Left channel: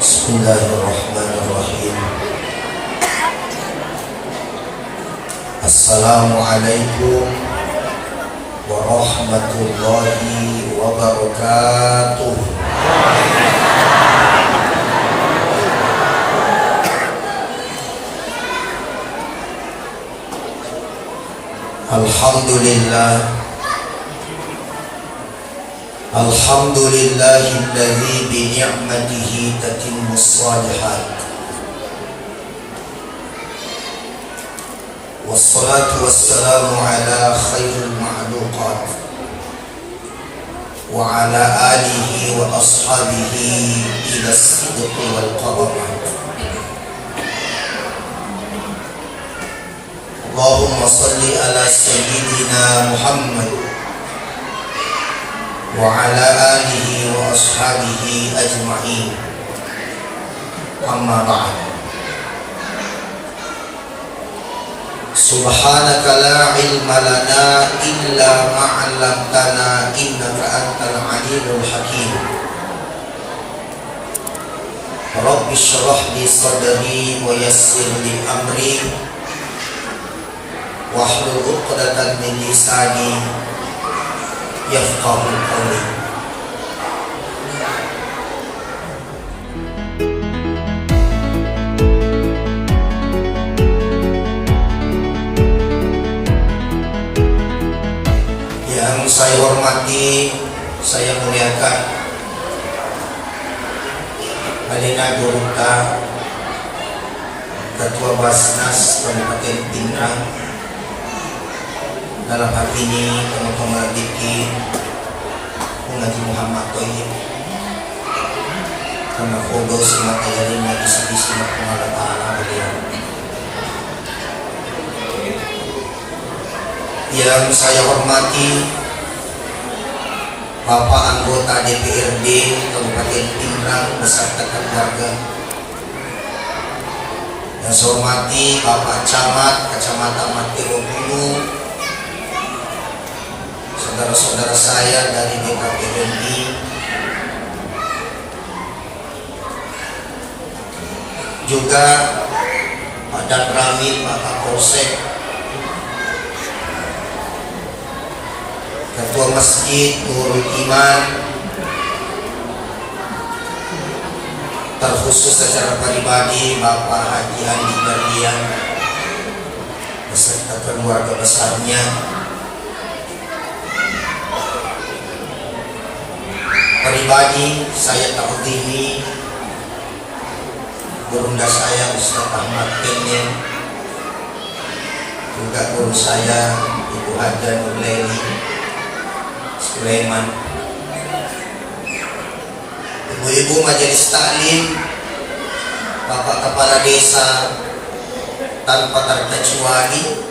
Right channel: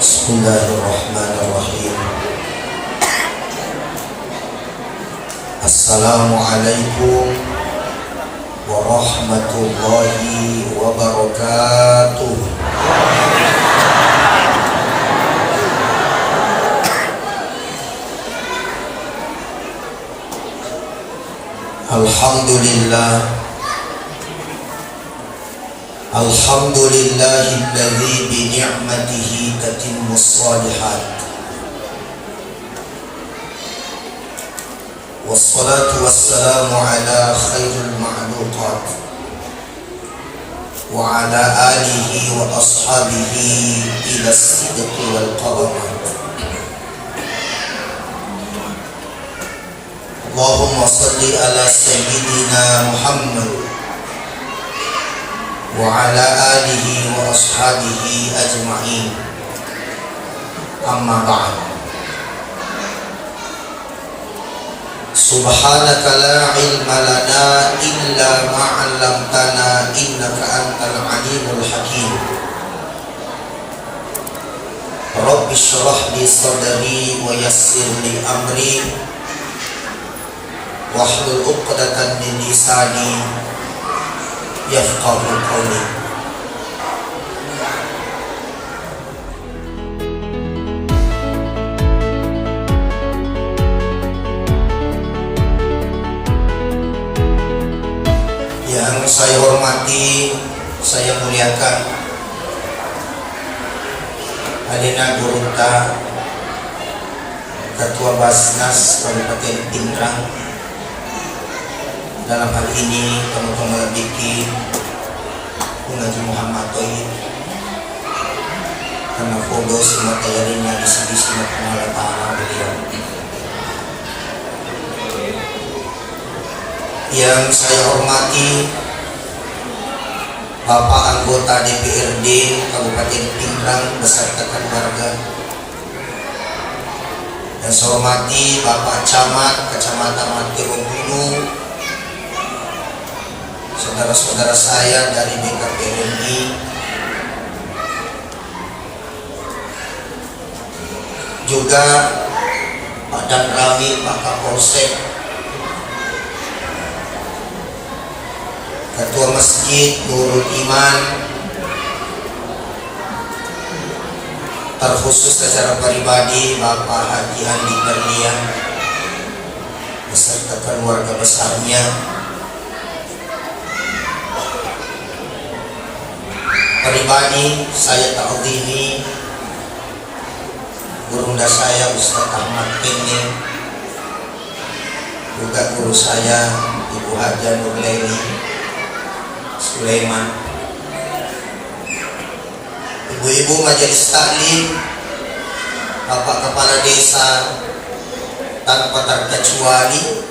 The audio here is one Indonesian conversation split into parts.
Bismillahirrahmanirrahim. Assalamualaikum warahmatullahi wabarakatuh. Alhamdulillahilladzi bi ni'matihi tatimmus shalihat. Wassalatu wassalamu ala khairil ma'luqat wa ala alihi wa ashabihi ila sidqi wal qaramat. Allahumma salli ala sayyidina Muhammad wa ala alihi wa ashabihi ajma'in. Amma ba'd. Subhanaka la ilma lana illa ma 'allamtana innaka antal alimul hakim. Rabbi shrah li sadri wa yassir li amri wahlul 'uqdatan min lisani yafqahu qawli. Yang saya hormati, saya muliakan Madinah Gurunta, Ketua Basnas Kabupaten Pindrang. Dalam hal ini teman-teman Diki Haji Muhammad Toyib, karena foto semua tayarinya isi-isi Allah Ta'ala beliau. Yang saya hormati Bapak anggota DPRD Kabupaten Pindrang beserta keluarga. Yang saya hormati Bapak Camat Kecamatan Matiro Gunung, saudara-saudara saya dari DKPMI, juga Pak Dan Ramil, Pak Kapolsek, Ketua Masjid Nurul Iman, terkhusus secara pribadi Bapak Haji Andi Berlian beserta keluarga besarnya. Pribadi saya ta'zimi gurunda saya Ustaz Ahmad Kendi, juga guru saya Ibu Haja Nurlaini Sulaiman, ibu-ibu majelis taklim, bapak kepala desa tanpa terkecuali,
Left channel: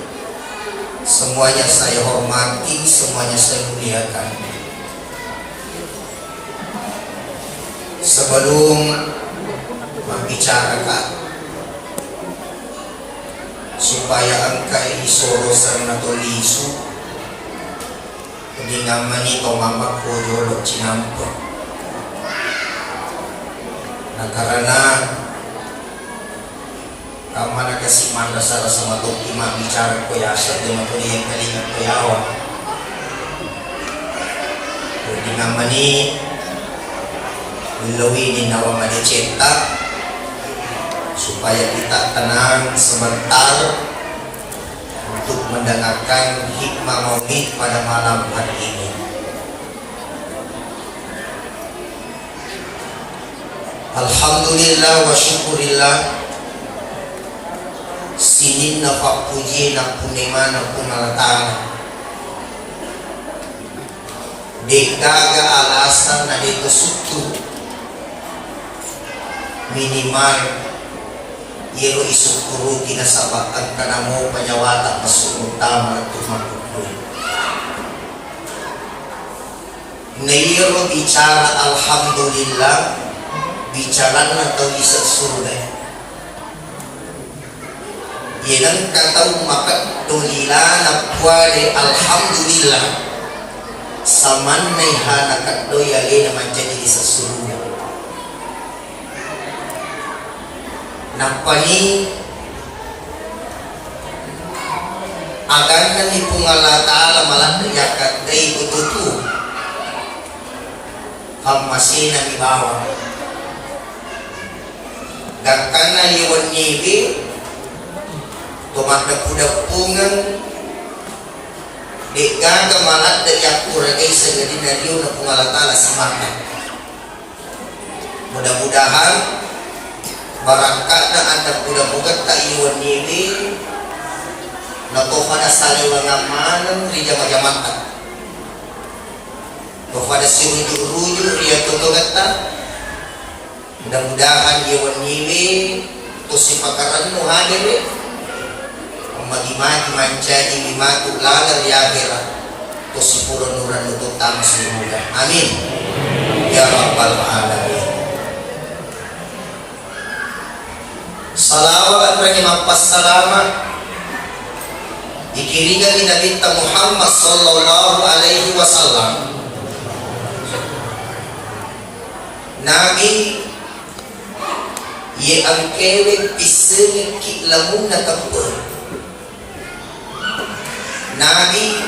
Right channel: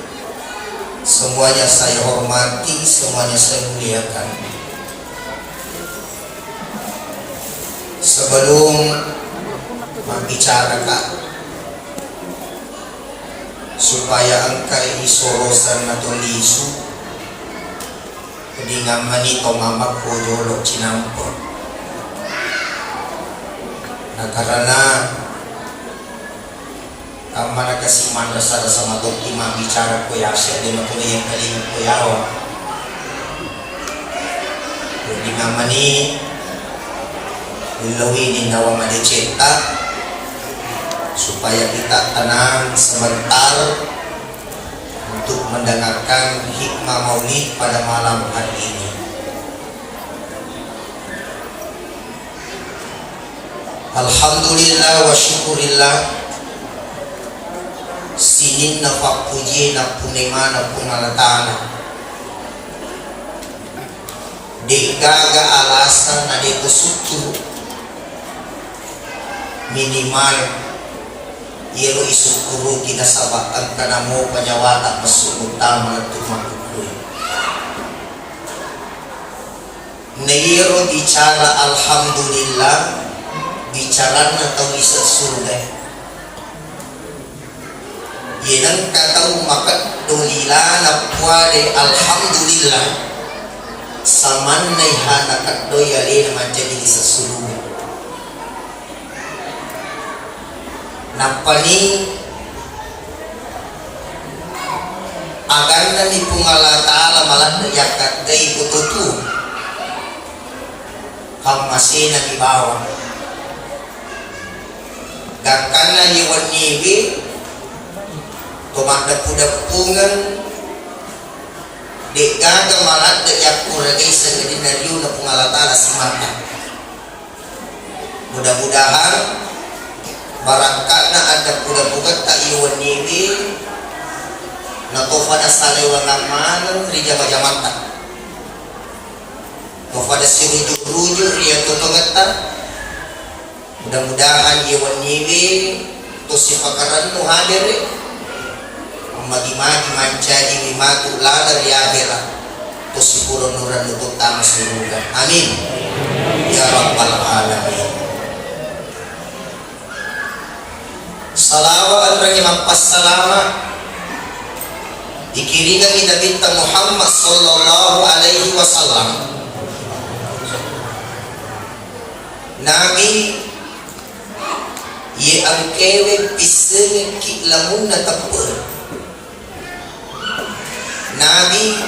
semuanya saya hormati, semuanya saya muliakan. Sebelum membicarakan supaya angkai isorosan atau lisu dinamani tomamak koyolo cinampo, nah karena kamana kasih manda sara sama dokti bicara koyasa di matuli yang kalimat koyawa dinamani Lawinin nawa cetak supaya kita tenang sebentar untuk mendengarkan hikmah maulid pada malam hari ini. Alhamdulillah wa syukurillah, sinin nafak puji nak punima nak punalatana dekaga alasan na dito sutu minimal iro isukuru kinasabakan ka na mo kanyawata masuk utama at tumakukuy. Nairo bicara alhamdulillah, bicara na ito isa surga. Yan ang kataw makatulila na puwade alhamdulillah sa manay hanakatoy ali na manjadi isa surga. Napani aganda ni kung Allah Ta'ala malang yakat gay bututu hamasi na ibawa gakkan na liwan nibi tumadap-dapungan di gaga malat da yakura gay sa gadinaryo na kung Allah Ta'ala simakan. Mudah-mudahan barangkat na ada budak-budak tak iwan nibi na kofada salay wangang manang rija majamata kofada si rujuk-rujuk ria totongata. Mudah-mudahan iwan nibi to si pakaran mo hadir magi-magi manjadi mimatu lalar ya akhirat to si puro nuran nutuk tama surugan. Amin ya rabbal alamin. Salawat bagi mampas salawat dikiringan di Nabi Muhammad sallallahu alaihi wasallam. Nabi ye angkewe pisenya ki lamun na kapur. Nabi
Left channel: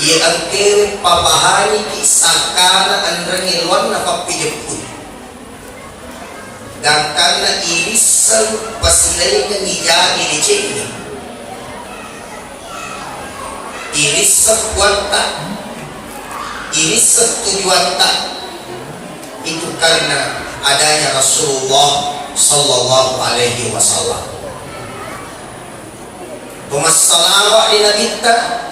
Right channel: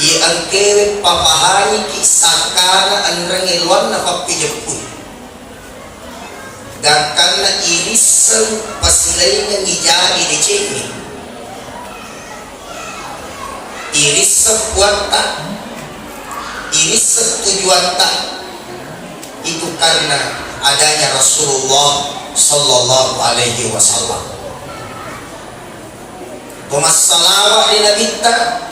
ye angkewe papahani ki sakana anrangilwan na papidepun. Gangkan na irisang pasilay ng iyagi ni Jenny. Irisang buwanta, irisang tujuanta, itu karena adanya Rasulullah sallallahu alaihi wasallam. Kumasalawa ni Nabita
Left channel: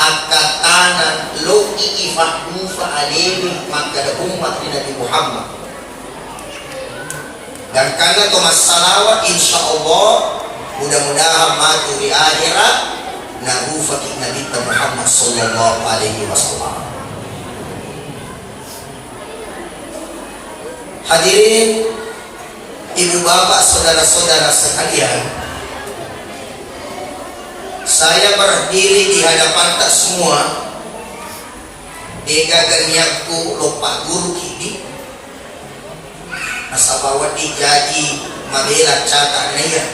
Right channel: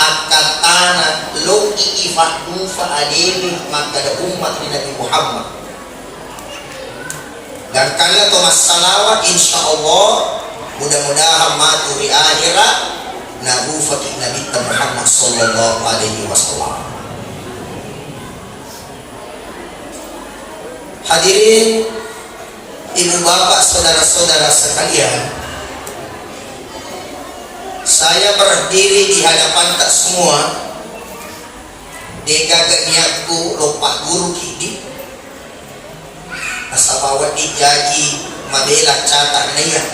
akatana lo iifadufa alimi maka umat ni Nabi Muhammad. Dan karena Thomas salawat insya Allah mudah-mudahan matu di akhirat nagu fakih Nabi Muhammad sallallahu alaihi wasallam. Hadirin ibu bapak saudara-saudara sekalian, saya berdiri di hadapan tak semua degaganiaku lupa guru kidi asabawat dijaji mabela catat naya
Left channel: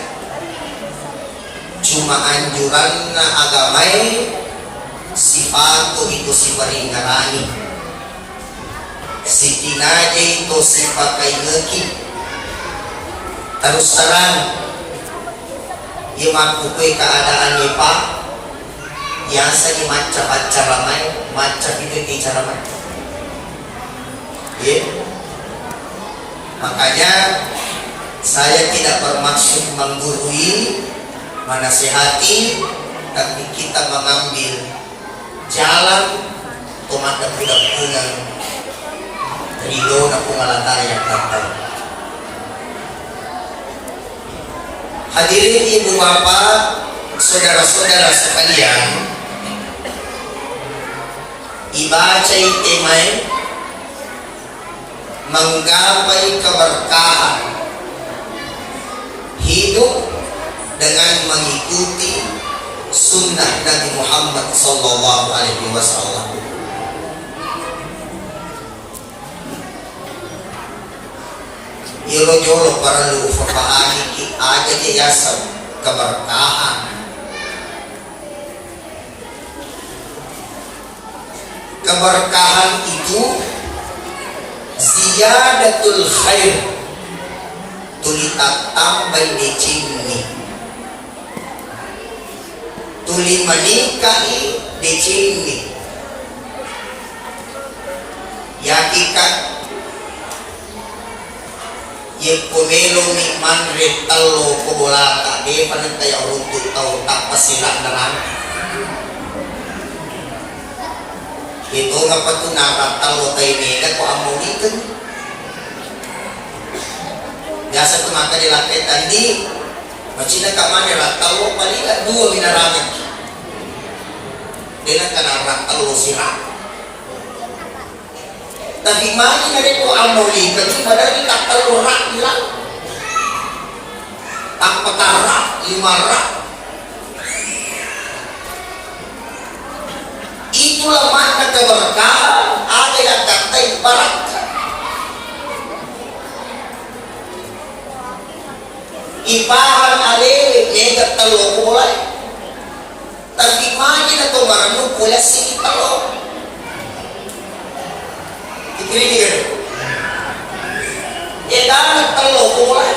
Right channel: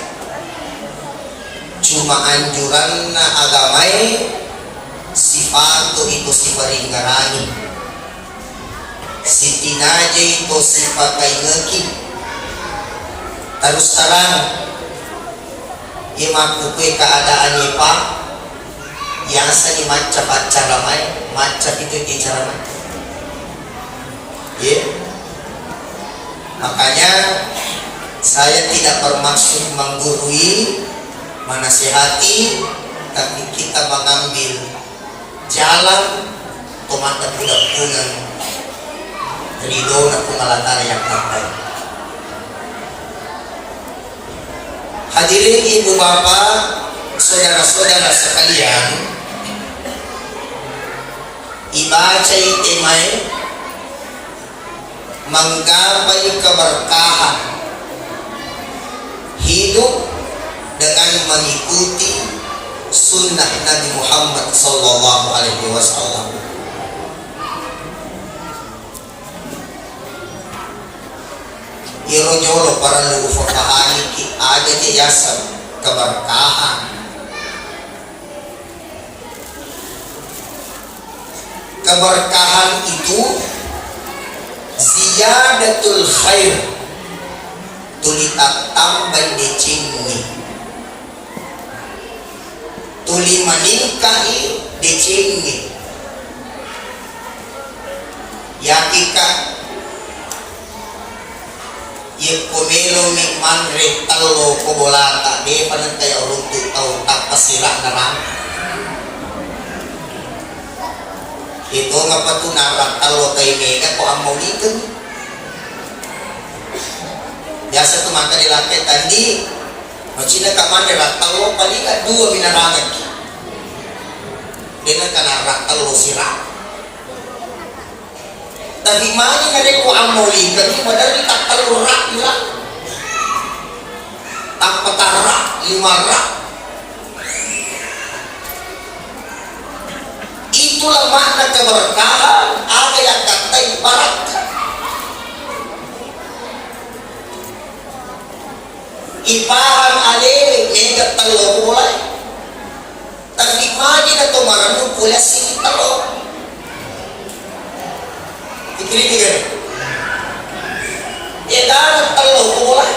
cuma anjuran na agamai sifat itu sifat ingarani si tinaje itu sifat kaingeki terus terang imakukui keadaan pak yang saya macam-macam ramai macam itu cara macam ya. Makanya saya tidak bermaksud menggurui, menasihati, tapi kita mengambil jalan pemadam budak-budak ridho na pumalatara yang terbaik. Hadirin ibu bapak, saudara-saudara sekalian, ibaca itemai menggapai keberkahan hidup dengan mengikuti sunnah Nabi Muhammad sallallahu alaihi wasallam. Jolo para lu fahami ki ada jasa keberkahan. Keberkahan itu ziyadatul khair tulita tambah decini tuli manikahi decini yakika ye komelo ni manre talo ko bola ta be panantay uruntu tau tapasila naran itu ngapa tuh nabrak talo kay mega ko amulikan biasa tuh mata dilakai tadi macina kaman nabrak talo palika dua binarangan dia kan nabrak talo sila tapi mana nga ko amulikan di padahal tak talo rak lang ang patarak 5 rak. Itulah makna keberkahan, ada yang katai barakah. Ipaham alewe mega talo mulai. Tapi magi na tumarano pula si talo. Ikili kan? Edan talo mulai.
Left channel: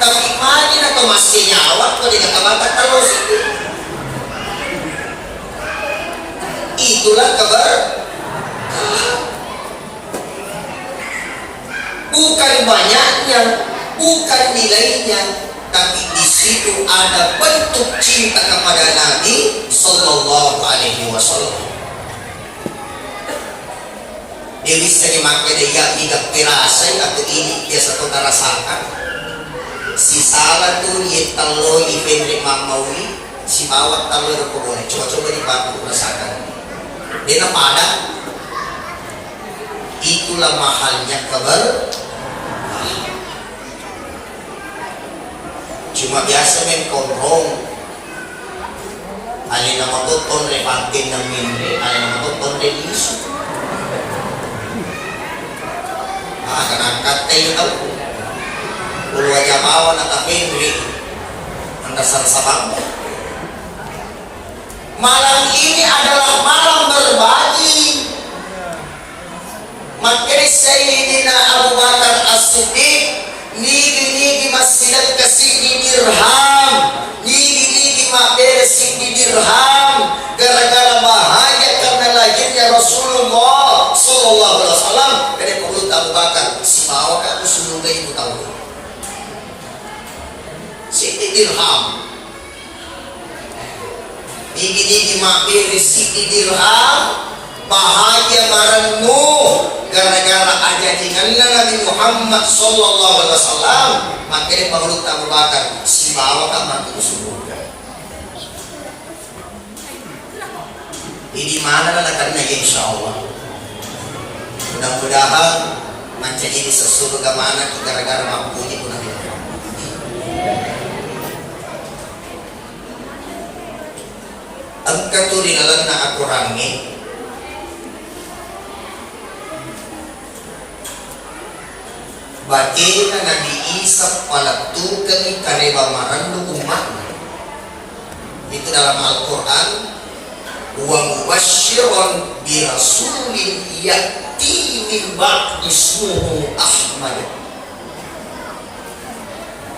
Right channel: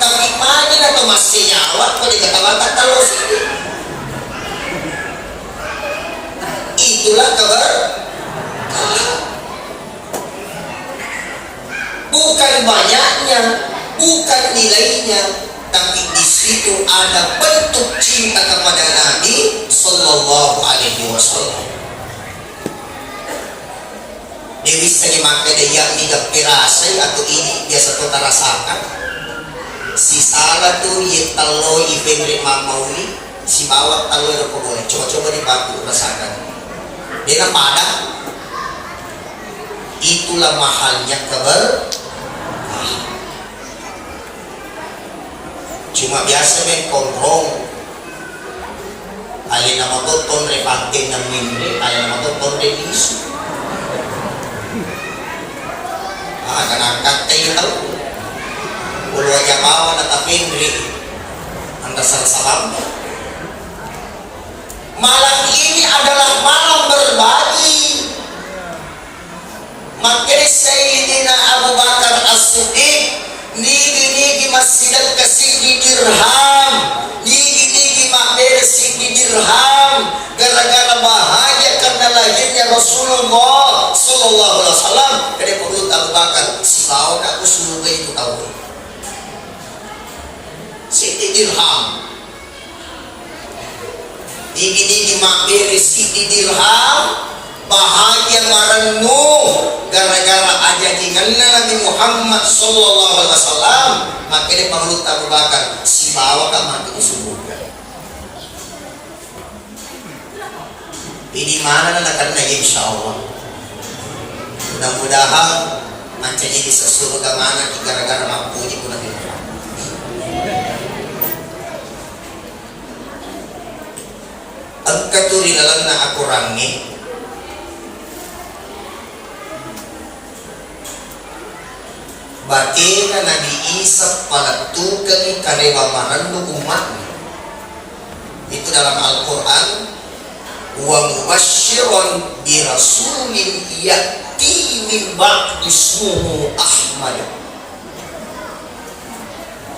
Tapi magi na tumasnya awak ko di katabaga talo si. Itulah kabar. Bukan banyaknya, bukan nilainya, tapi di situ ada bentuk cinta kepada Nabi Sallallahu Alaihi Wasallam. Dia bisa dimakai dia tidak pirasai atau ini biasa kita rasakan. Si salah tuh ye talo ifenre mamawi, si bawah talo itu boleh. Coba-coba dibantu rasakan. Dia pada itulah mahalnya kabar. Cuma biasa main konrong. Ayah nama toton repatin ng mimpi, ayah nama toton re isu. Akan angkat kayo tau. Ulu aja bawa na tapinri. Anda saham. Malam ini adalah malam berbagi. Makanya Sayyidina Abu Bakar As-Siddiq nigi masjid al-kasih dirham, nigi beres di dirham, gara-gara bahagia karena lahirnya Rasulullah Sallallahu Alaihi Wasallam. Dari perlu Abu Bakar, si bawa aku suruh itu tahu. Si dirham, nigi beres di dirham. Bahagia marangmu gara-gara ada dengan Nabi Muhammad Sallallahu Alaihi Wasallam. Makanya perlu Abu Bakar si bawa kan mati ke surga. Ini mana nak karena insya Allah. Mudah-mudahan nanti jadi sesurga mana gara-gara mampu itu nanti. Angkat tu di dalam nak aku rangi. Batina Nabi Isa palatukan ni kareba marandu umat. Itu dalam Al-Quran. Wa mubashiran bi rasulin yati min ba'd ismuhu Ahmad.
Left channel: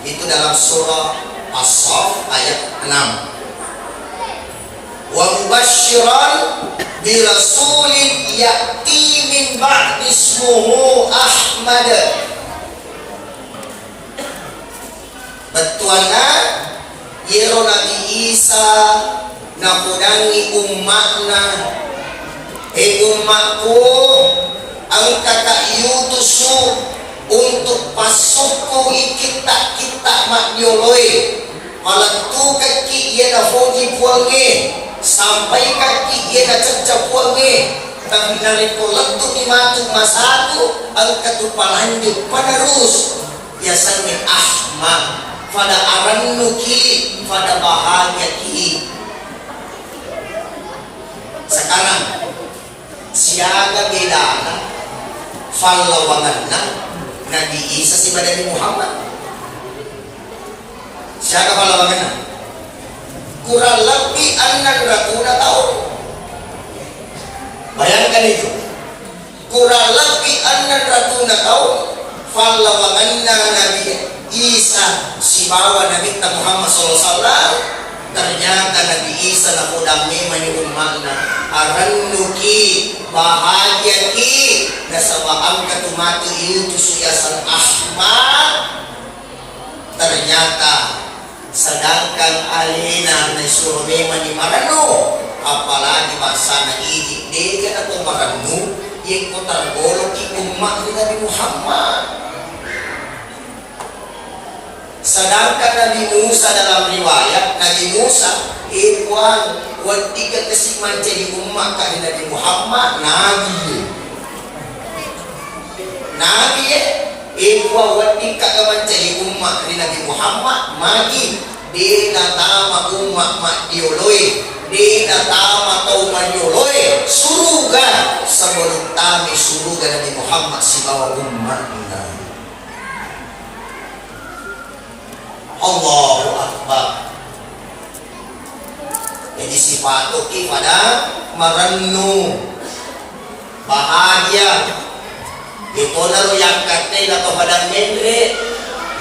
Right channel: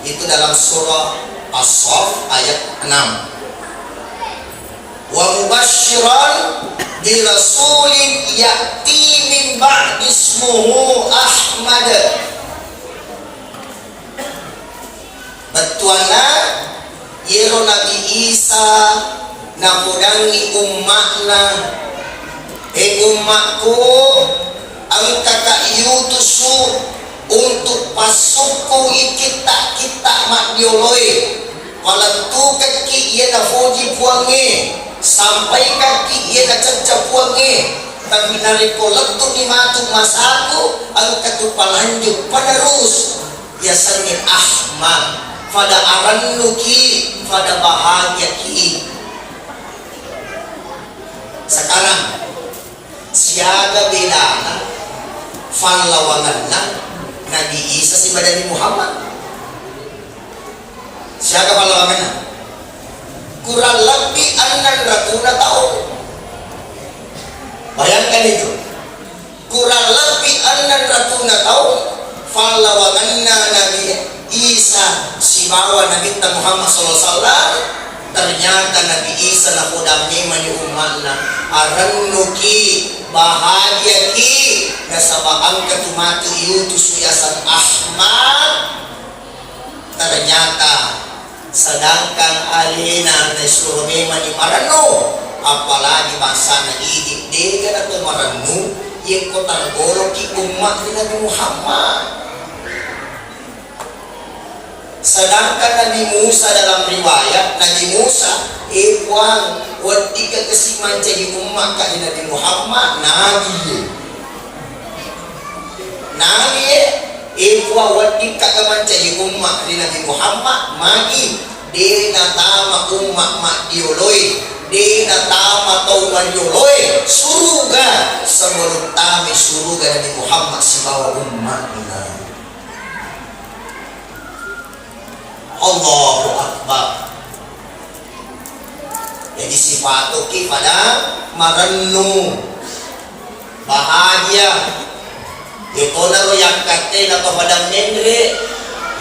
Itu dalam surah As-Saff ayat 6. Wa mubashiran bi rasulin yati min ba'd ismuhu Ahmad. Batuana yero Nabi Isa nakudangi umatna umatku ang kakayutusu untuk pasuku kita magyoloy palatu kaki iya na foji puangi sampai kaki iya na cacca puangi tapi nariko lentuk ni matuk masaku ang katupalanjuk padarus biasanya Ahmad pada arannuki pada bahagia ki. Sekarang siaga bedana fallawanganna Nabi Isa si Nabi Muhammad. Siaga fallawanganna kurang lebih 600 tahun. Bayangkan itu. Kurang lebih 600 tahun fallawanganna Nabi Isa si bawa Nabi Muhammad SAW. Ternyata Nabi Isa na kudami mani umatna arannuki bahagia ki nasabaan katumati iutus yasan Ahmad. Ternyata sedangkan alina na surme mani marano apalagi bahasa na idik dia na marano yang ko targolo ki umat ni Nabi Muhammad. Sedangkan Nabi Musa dalam riwayat Nabi Musa iwan wadika kesiman jadi umat ka Nabi Muhammad Nabi iwan wadika kaman jadi umat ni Nabi Muhammad magi di natama umat madyoloy di natama tau madyoloy suruga sebelum tami suruga Nabi Muhammad si bawa umat Allahu Akbar. Jadi sifat oke pada merenung bahagia itu naro yang katanya atau pada mendre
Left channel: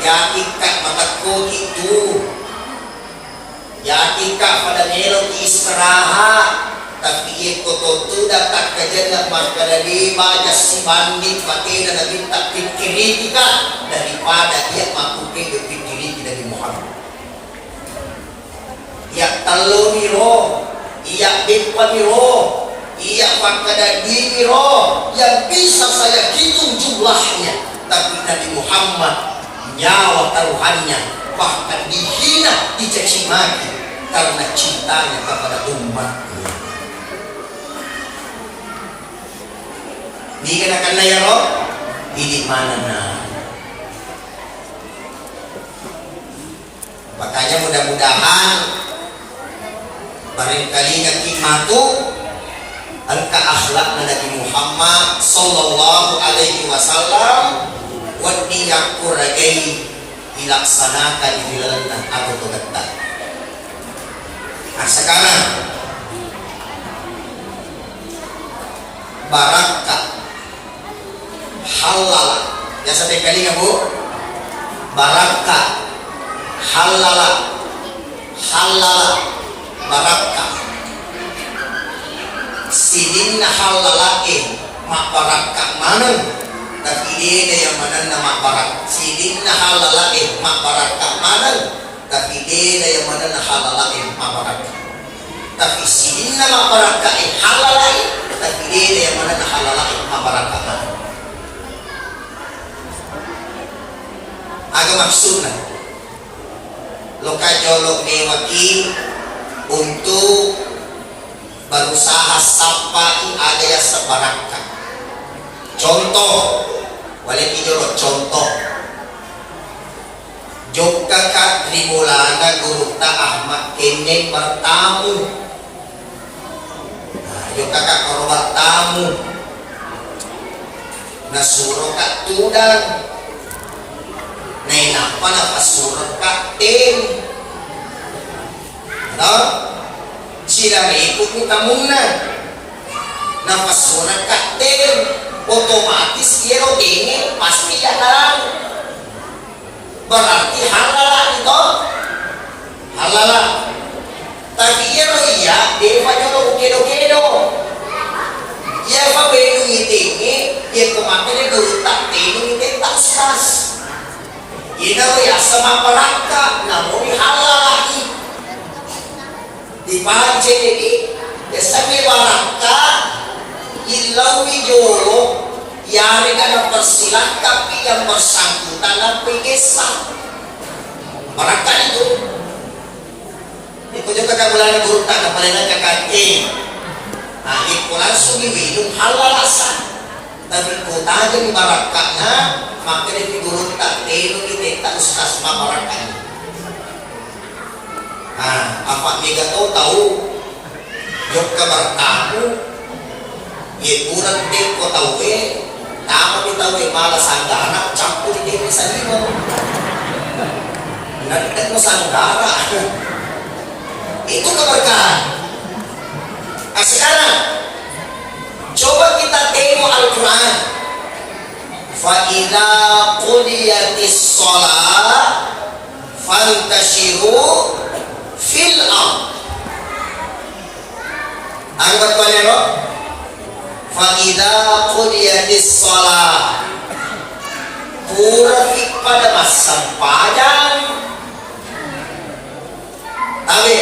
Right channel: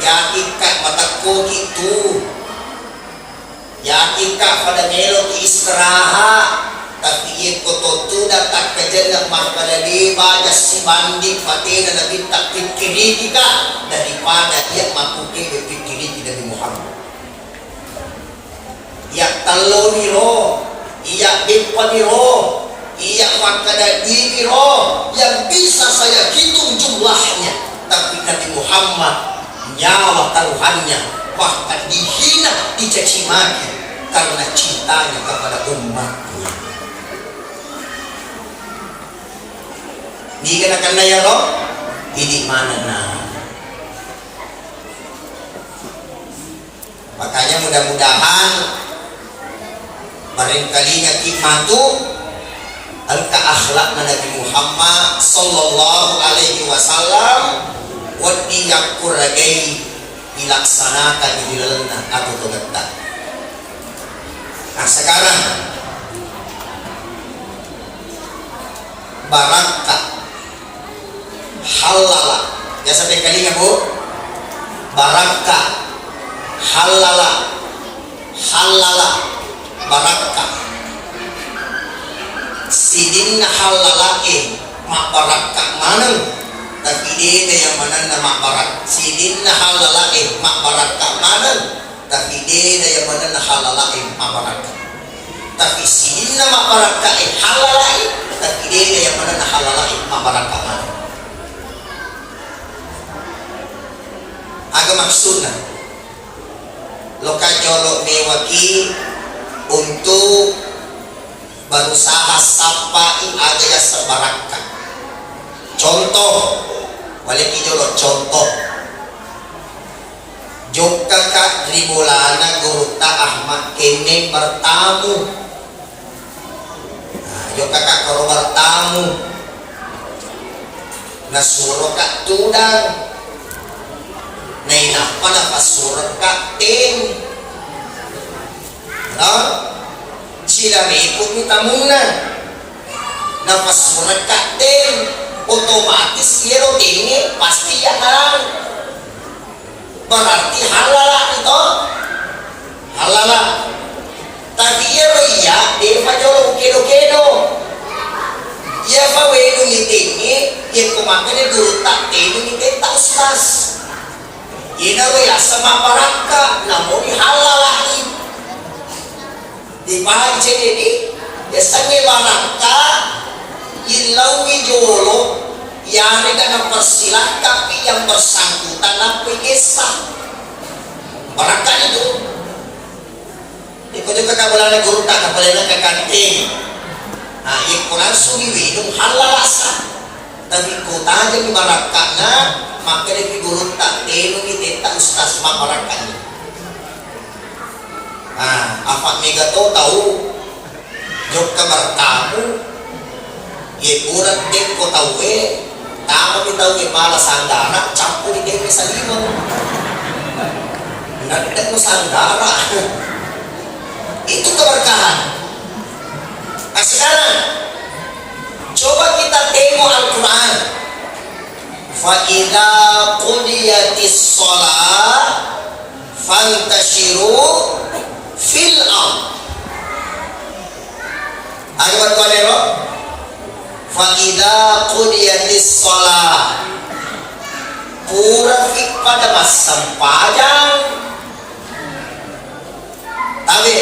ya ikat mataku itu ya ikat pada melo istirahat tapi itu tuh datang kerja pada lima jas banding pakai dan tak pikir kita daripada dia mampu pikir dari Muhammad. Ya talo miro, iya bepa miro, iya fakada di miro yang bisa saya hitung jumlahnya. Tapi Nabi Muhammad nyawa taruhannya bahkan dihina, dicaci maki karena cintanya kepada umatnya. Dikenakan ya roh, ini mana nah? Makanya mudah-mudahan barangkali hikmatu angka akhlak Nabi Muhammad sallallahu alaihi wasallam wa diyakuragai dilaksanakan di dalam atau tegak. Nah sekarang barakah halal ya sampai kali nggak bu barakah halal barakah sidin halalain mak barakah mana tapi dia yang mana nama barak sidin halalain mak barakah mana tapi dia yang mana halalain mak barakah tapi sidin nama barakah halalain tapi dia yang mana halalain mak barakah mana agak maksudnya lokajolok mewaki untuk berusaha sapai ada yang sebarangkan. Contoh, boleh dijolok contoh. Jogja kak Trimulana Guru Tak Ahmad kene bertamu. Jogja kak kalau bertamu. Nasuro kak tudang. Nay napa napasurat kak ten. Sila ikut minta muna napasurat kak ten otomatis iro tinggi pasti ya halal berarti halal itu halal tapi iro iya dewa jolo kedo iya pa weno tinggi iya kumakanya dulu tak tenu ngite tak sas ina ya sama paraka namun halal di baca jadi biasanya barangka ilau wijolo yang ada persilat tapi yang bersangkutan apa kisah barangka itu ikut juga kabulan guru tak kapalan kakati nah ikut langsung minum halal asa tapi ikut aja di barangkanya maka di guru tak tenu kita tak ustaz barangkanya. Nah, apa mega tahu jok kabar kamu ye kurang tempo tahu kamu tahu malah sanggara campur di desa lima nanti no sanggara itu keberkahan. Nah sekarang coba kita tengok Al-Quran fa idza qudiyatis shalah fantashiru fil ard. Ada apa ya? Fa idza qudiyatis shalah pura pada masa panjang. Tapi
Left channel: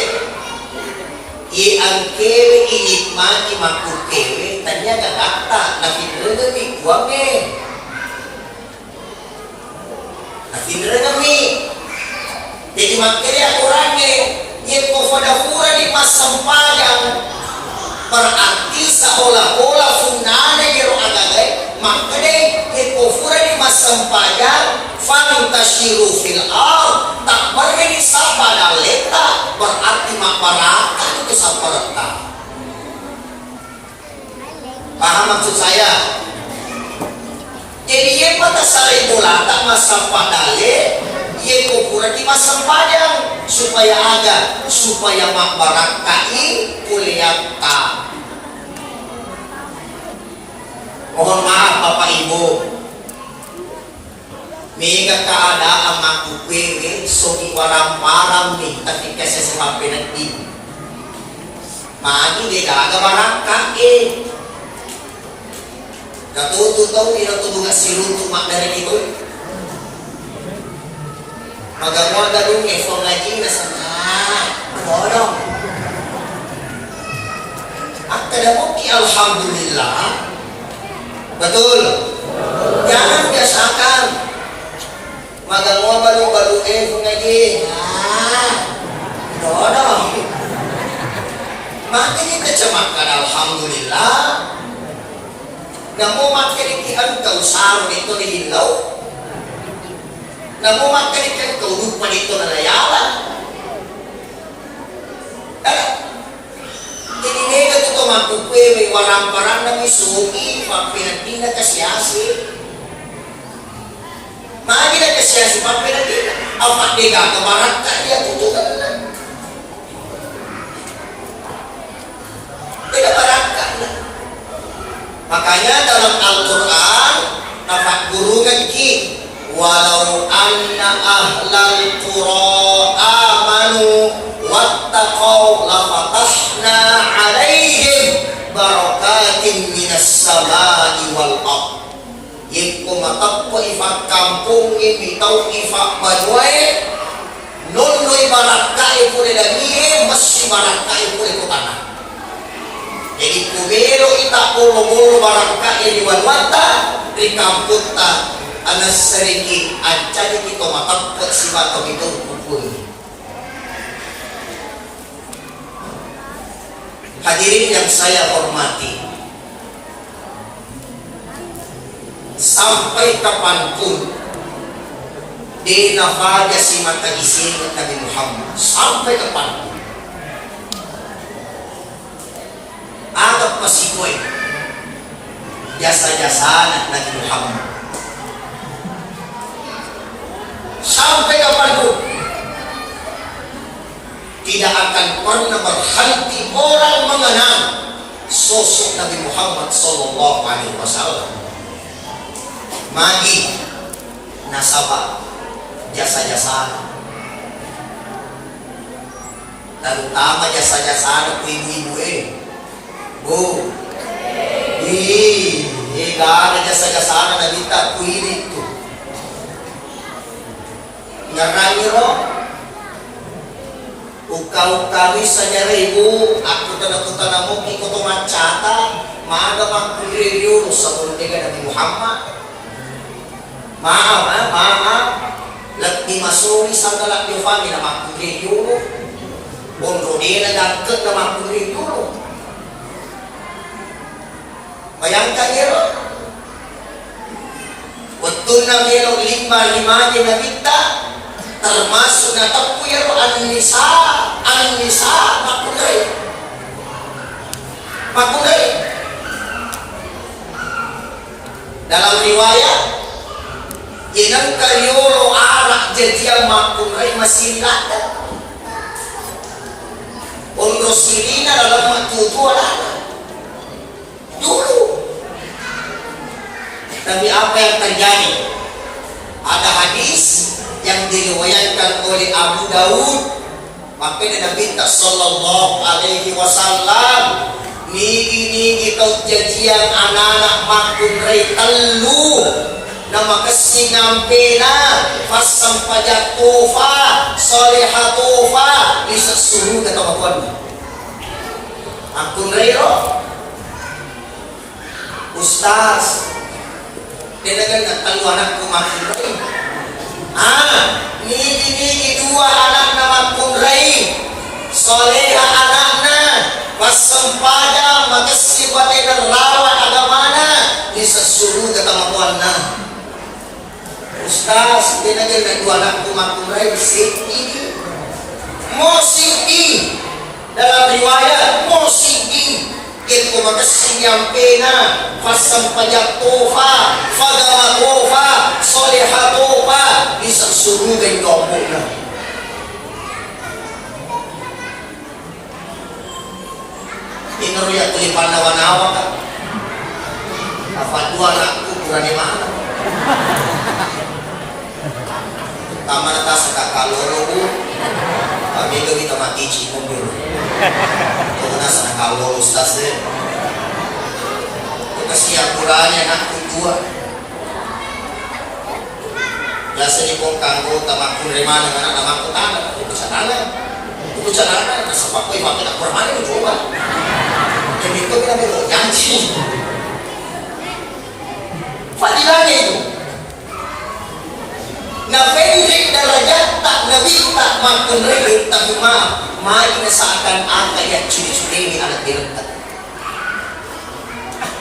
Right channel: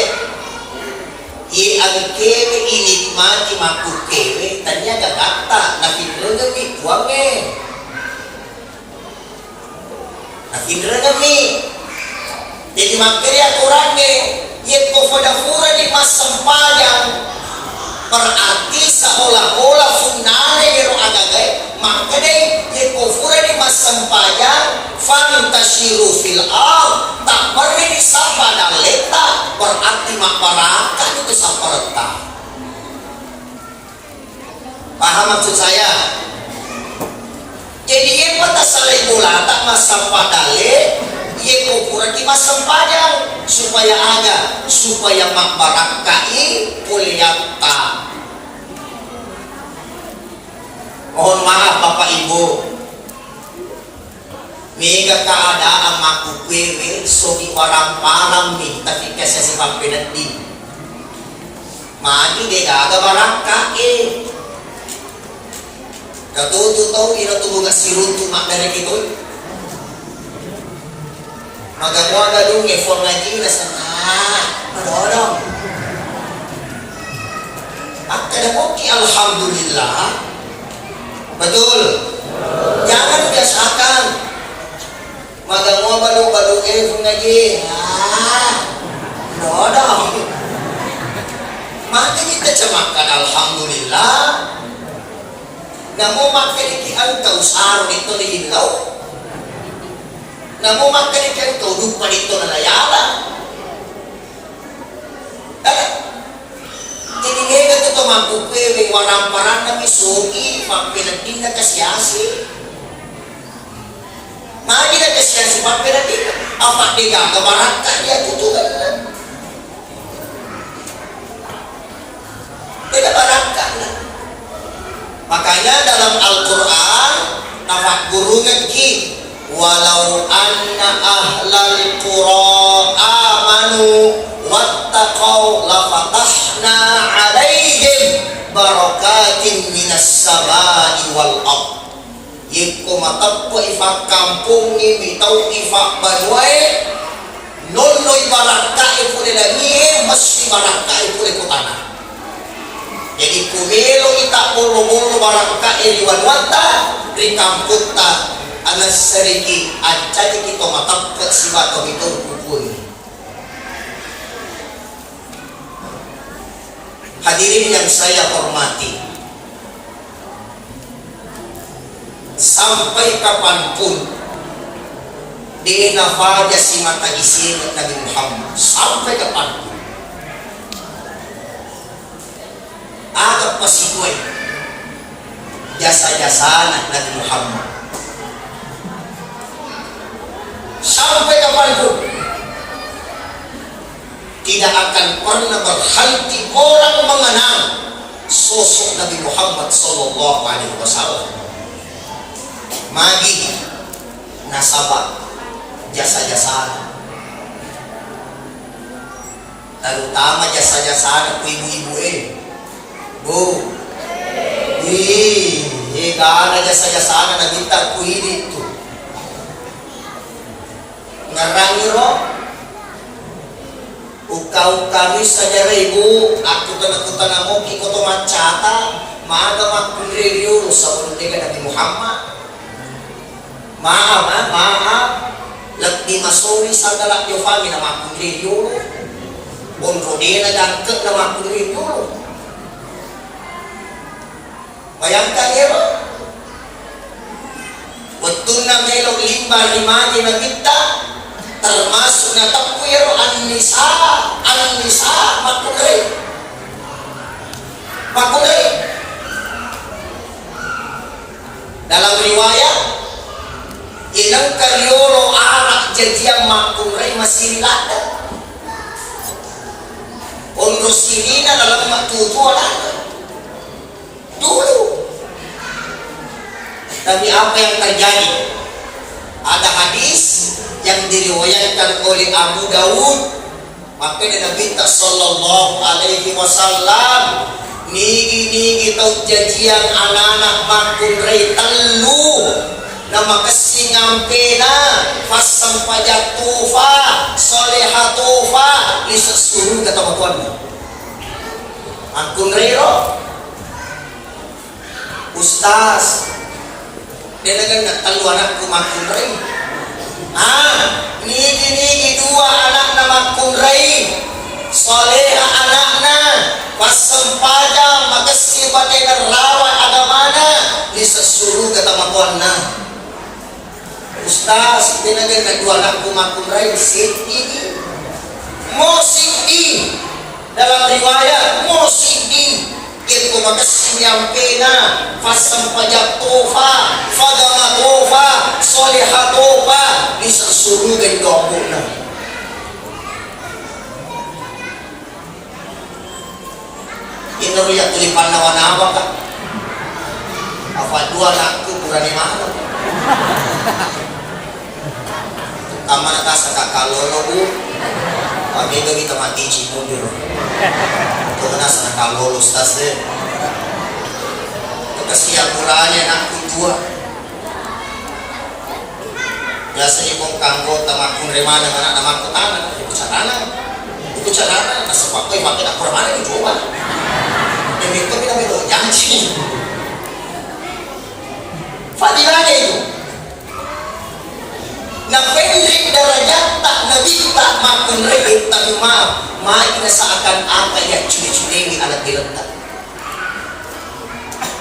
i angkewe inikmati maku kewe tanya gagata nabi demi buange nabi demi jadi makanya kurangnya yang kofadafura di masa panjang berarti seolah-olah funane biro agagai makanya yang kofura di masa panjang fantashiru fil ard tak beri sabana leta berarti masyarakat itu saparata. Paham maksud saya? Jadi yang pada sari bulata masa padale yang kofura berarti masang padang supaya ada, supaya makbarakai kuliata. Mohon maaf Bapak Ibu, mega keadaan maku kwewe sogi parang-parang nih tapi kasi si papinati magi de aga barangkai katutu tau ina tubuga siruntu mak dari itu magawa gadung effort lagi na sana bodong at tadamoki alhamdulillah betul. Jangan biasakan magawa balu-balu ngaji. Dodong. Mati kita cemakan alhamdulillah. Namo makin ikan kau sarung itu di hilau. Namo makin ikan kau lupa itu nalayala. Jadi mereka tu mampu kue warang-warang na misugi pinagpinag kasyasi. Magi na kasyasi pinagpinag. Apa dia kemaran dia tutupan. Tidak barangkan. Makanya dalam Al-Quran dapat guru ngeki walau anna ahlal qura amanu wattaqau lafatahna alaihim barakatin minas samai wal ardh. Yiku matappo ifak kampung ini tau ifak badwai nonoy barakai pure daging masih barakai pure kutana. Jadi kumelo ita puluh barakai riwan mata di kampung ta anas seriki aja kita matappo siwa kami itu pupun. Hadirin yang saya hormati, sampai kapanpun di nafaja si mata isin Nabi Muhammad, sampai kapanpun agak pasikuy jasa-jasa Nabi Muhammad, sampai kapanpun tidak akan pernah berhenti orang mengenang sosok Nabi Muhammad Sallallahu Alaihi Wasallam. Magi nasabah jasa-jasa, terutama jasa-jasa ku ibu-ibu bu, karena jasa-jasa na kita ku itu ngarani roh. Ukau kami saja ibu, aku tanah mo iko to macata, maaga mag-review sa politika Nabi Muhammad. Maaf, lagi masuri sa galak yung fami na mag-review. Bongo nila dagkat na mag-review. Bayangkan nyo, betul na melong lima na kita, termasuk na tapu yero an-nisa makuday. Dalam riwayat inang karyolo anak jadi makuday masilada. Onro silina dalam matutualan dulu. Tapi apa yang terjadi? Ada hadis yang diriwayatkan oleh Abu Daud, maka Nabi Sallallahu Alaihi Wasallam nigi tau jajian anak-anak makun rei telu nama kesingang pena fasam pajak tufa solehah tufa bisa suruh kata makun makun rei roh ustaz dia kan telu anakku makun rei nigi dua anak nama kunrai soleha anakna wasampada makasibate rawa agamana disesuru kata makuanna ustaz dinagan dua anak kunrai ini musik dalam riwayat musik itu makasinyampe na fasam pajak tofa fagama tofa soleha tofa bisa surugan dobo na. Inuruya kulipan nawa-nawa ka. Apa dua anakku kurang mana? Tama na sa kakaloro ko. Pag kita mati mobil. Ito na sa nakalolo stas din. Kasi akuranya anakku dua. Biasa ni kong kanggo tamakun remana mana tamakku tanah. Itu carana. Nasa pakoy bakit ako remana ko coba. Demi kami na bito janji. Fadilahnya itu. Na pendek darajat tak nabi tak makun rebe tapi main seakan angka yang curi-curi ini anak diletak.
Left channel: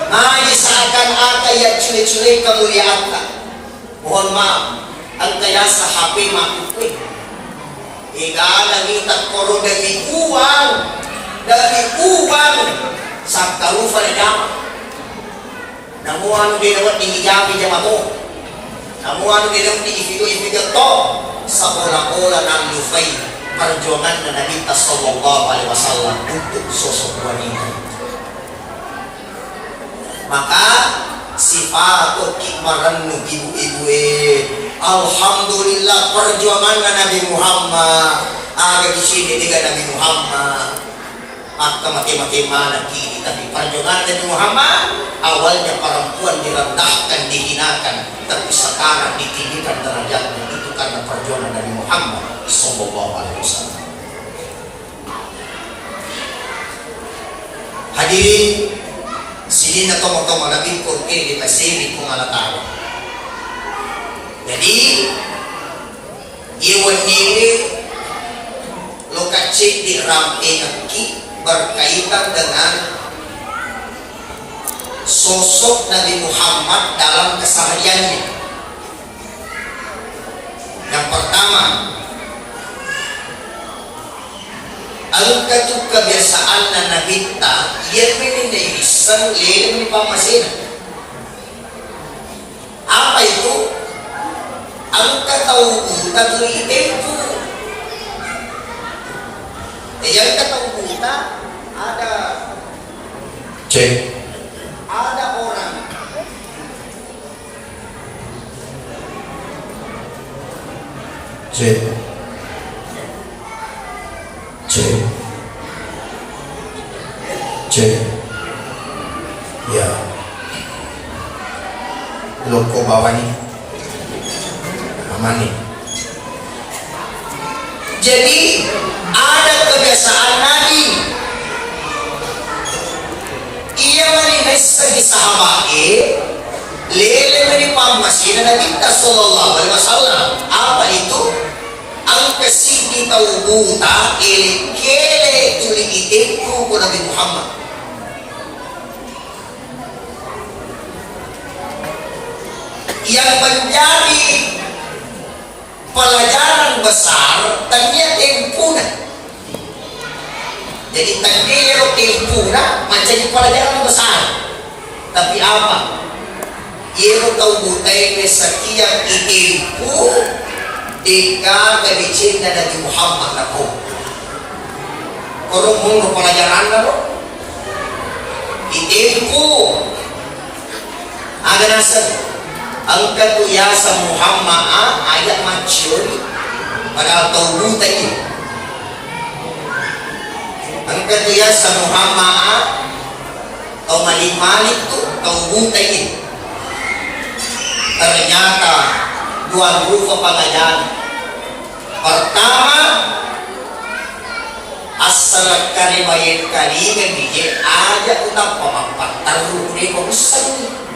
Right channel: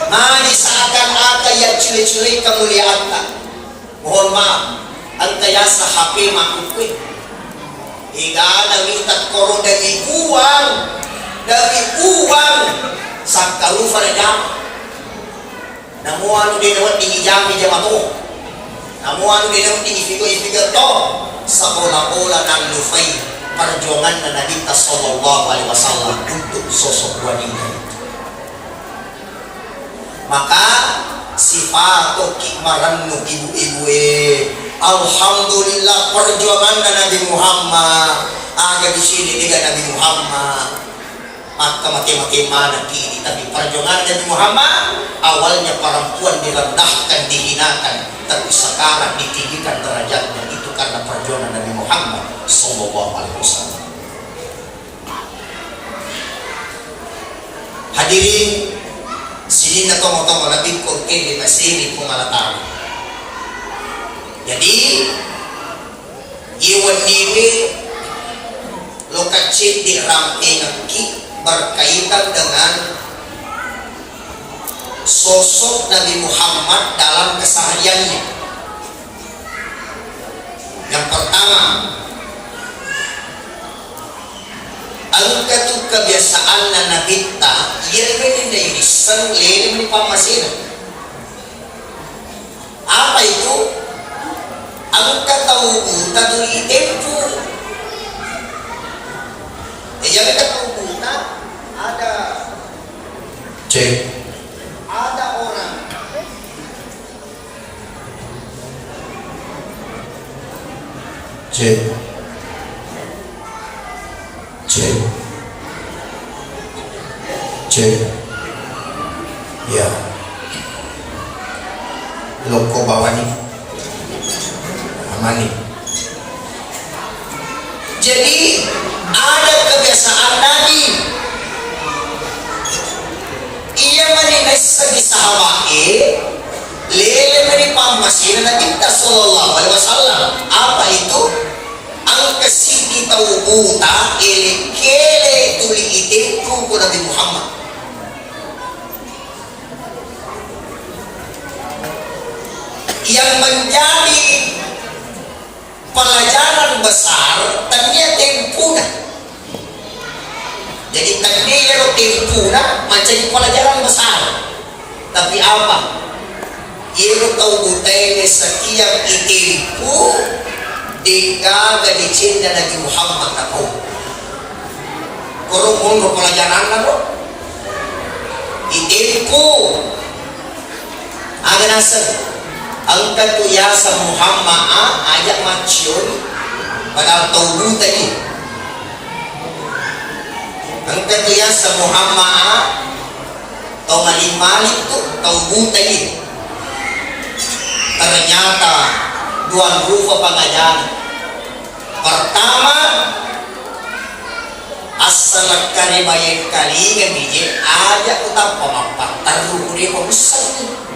Main seakan angka yang curi-curi kemuliaan tak. Mohon maaf, angka yang HP makukui. Hingga ada minta koro dari uang sakalufa na jama. Namuan din nawat di jami jamato. Namuan din nawat di ifigo to sa bola-bola ng lufay perjuangan na Nabi sallallahu alaihi wasallam untuk sosok wanita. Maka sifat kikmaran nu ibu-ibu alhamdulillah perjuangan na Nabi Muhammad ada di sini dengan Nabi Muhammad. Maka mati-mati mana kini tapi perjuangan Nabi Muhammad awalnya perempuan direndahkan, dihinakan, tapi sekarang ditinggikan derajatnya itu karena perjuangan Nabi Muhammad sallallahu alaihi wasallam. Hadirin sini na tomo-tomo Nabi ko di masiri kung alataro. Jadi iwan niwi lokacik di ramai naki berkaitan dengan sosok Nabi Muhammad dalam kesehariannya. Yang pertama, angkatu kebiasaan na Nabi ta yan minindaisan lilim ni pamasin. Apa itu? Angkat tahu taduri tempo. Yang tahu kita ada ada orang ya loko bawa nih aman nih. Jadi ada kebiasaan Nabi ia meninis segi sahabat lele menipang masih Nabi sallallahu alaihi wasallam. Apa itu? Ang kasih tahu buta kele tuli idinku ko Nabi Muhammad. Yang menjadi pelajaran besar tanya tempuna. Jadi tanya tempuna menjadi pelajaran besar. Tapi apa? Ia tahu butai setiap itempu jika gadicin dan Nabi Muhammad aku. Korong mulu pelajaran aku. Itempu ada nasab. Angkat tu yasa Muhammad ajak maciun padahal tahu tadi. Angkat tu yasa Muhammad tahu malik tu tahu tadi. Ternyata dua rupa pengajian. Pertama asal karibayat kalingan dijek ajak utang pemampat taruh dia membesar ni.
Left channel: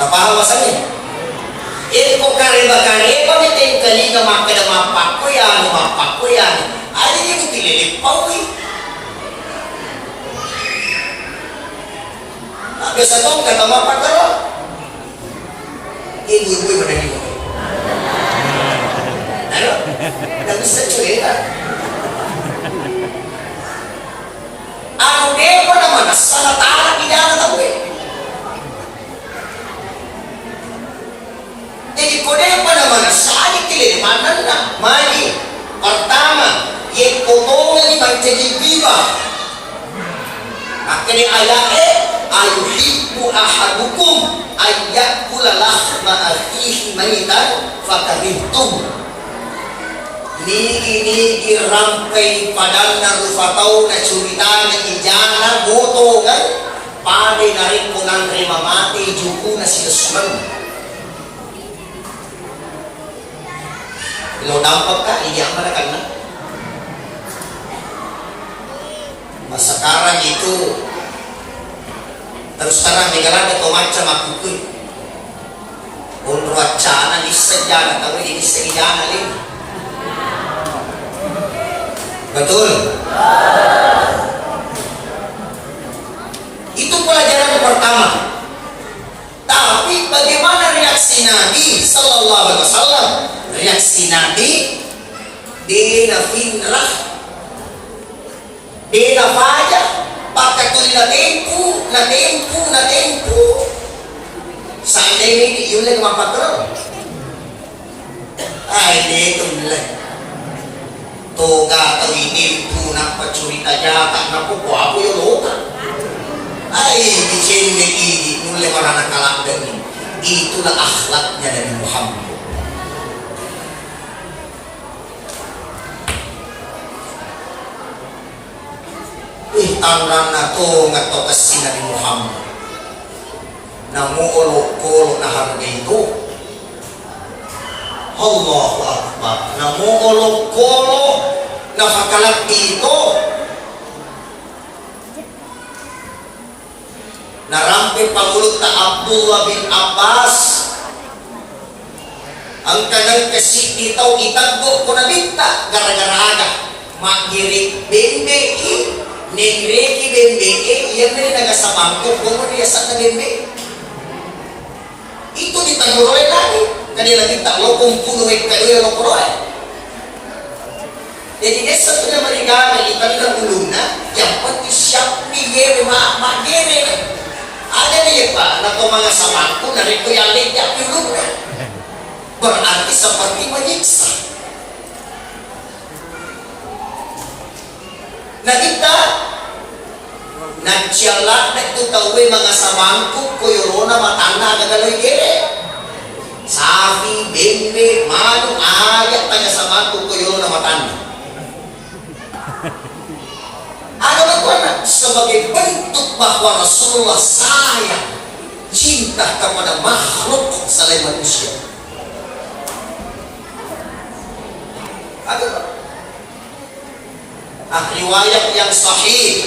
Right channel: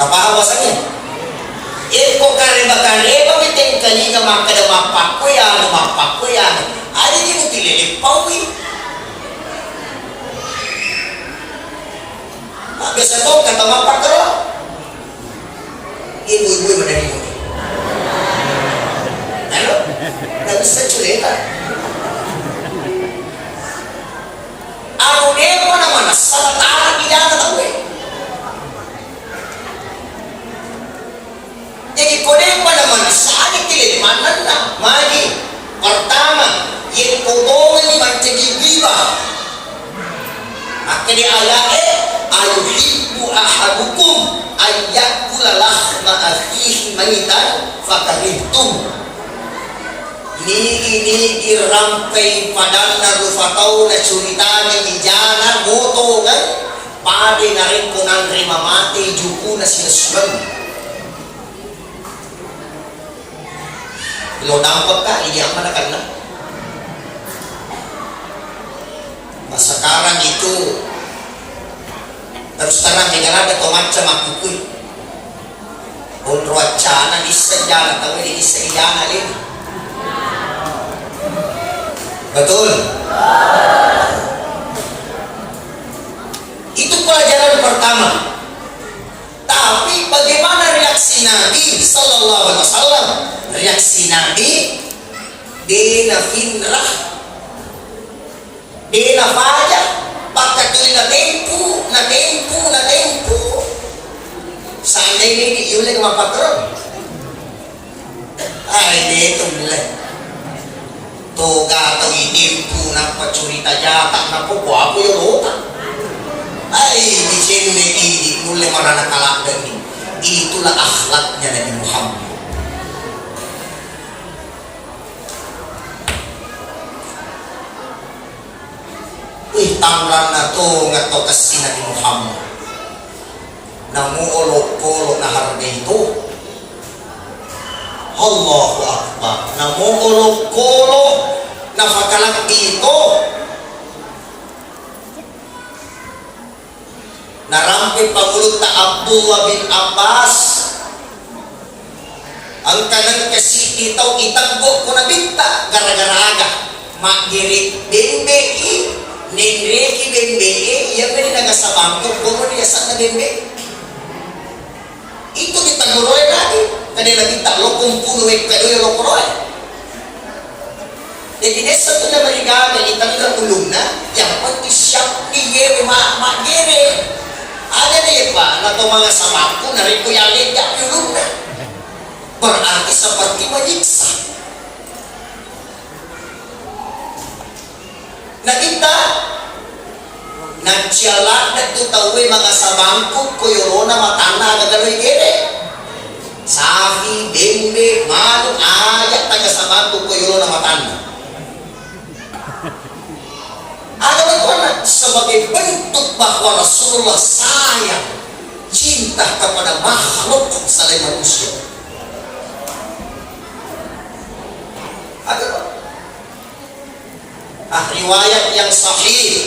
Apa alasannya? Iko kareba miteng kalinga makada mapak ko yan. Ada ni mo tililipaw eh. Biasa to kata mapak ko. Ibu-ibu berani. Ano? Tak bisa cerita. Aku dia mana salah tarik di dalam tahu eh. potongan ni magkagibiba. Akan ayat ayuhibbu ahadukum ayyakula lahma akhihi maitan fakarihtum. Nigi rampai padang na rufatau na cerita na ijana motongan pade na rin ko ng rimamate juku na sinasunan. Ilo nampak ka, iyak malakan na. Sekarang itu terus terang negara ada macam aku wacana di sejarah tahu di sejarah ini betul. Itu pelajaran pertama. Tapi bagaimana reaksi Nabi Sallallahu Alaihi Wasallam? Reaksi Nabi dia finrah dia faja pakai tulis na tempo seandainya ini yuleng mapatron ay dito mulai toga atau tempo na pacurita jata na po ako yung lota ay di sini ini mulai marana kalakdan itulah akhlaknya Nabi Muhammad. Tangran na to nga to kasi Nabi Muhammad namuulog-ulog na harga ito. Allahu Akbar. Namuulog-ulog na pagkalang ito. Narampi pagulog na Abdullah bin Abbas ang kanang kasi itaw itagbo ko na binta gara-gara aga magirit bimbe Nengreki bembe, yang dari nagasabang ko, kemudian sa bembe. Itu ditaguroy lagi. Kanila kita lokong punuhin kayo yung lokoroy. Jadi desa itu na maligaman, itang ulung na, yang pati siyang pigere, magere. Ada niya pa, na kung mga sabang ko, narin ko yung liyak yung ulung na. Berarti seperti menyiksa. Na kita nagsialak na ito tawin mga sabangko kuyorona matanda nagaloy gire sahi, bimbe, malong ayat taga sabangko kuyorona matanda ano ba ito na sebagai bentuk bahwa Rasulullah sayang cinta kepada makhluk selain manusia ada riwayat yang sahih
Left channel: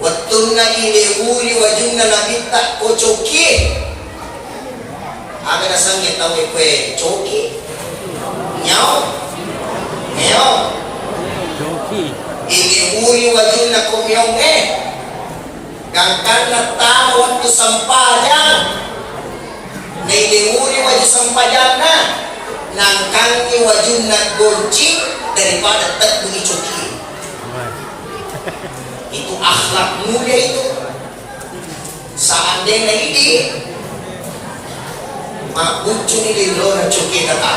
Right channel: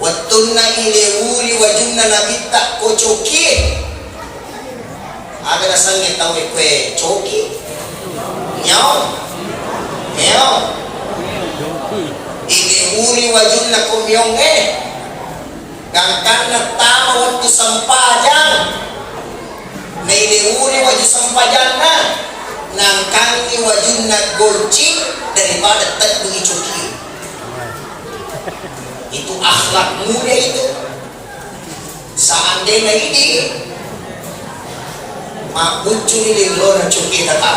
wattunna ilewuri wajunna nabitta ko coki ada nasangnya tahu kue coki nyao ilewuri wajunna ko miyonge gangkan na tawon to sampajan na ilewuri wajun sampajan na nangkang ni wajunna gorci daripada tak mengicuki. Itu akhlak mulia itu. Seandainya ini makucu ni di lona cuki kata.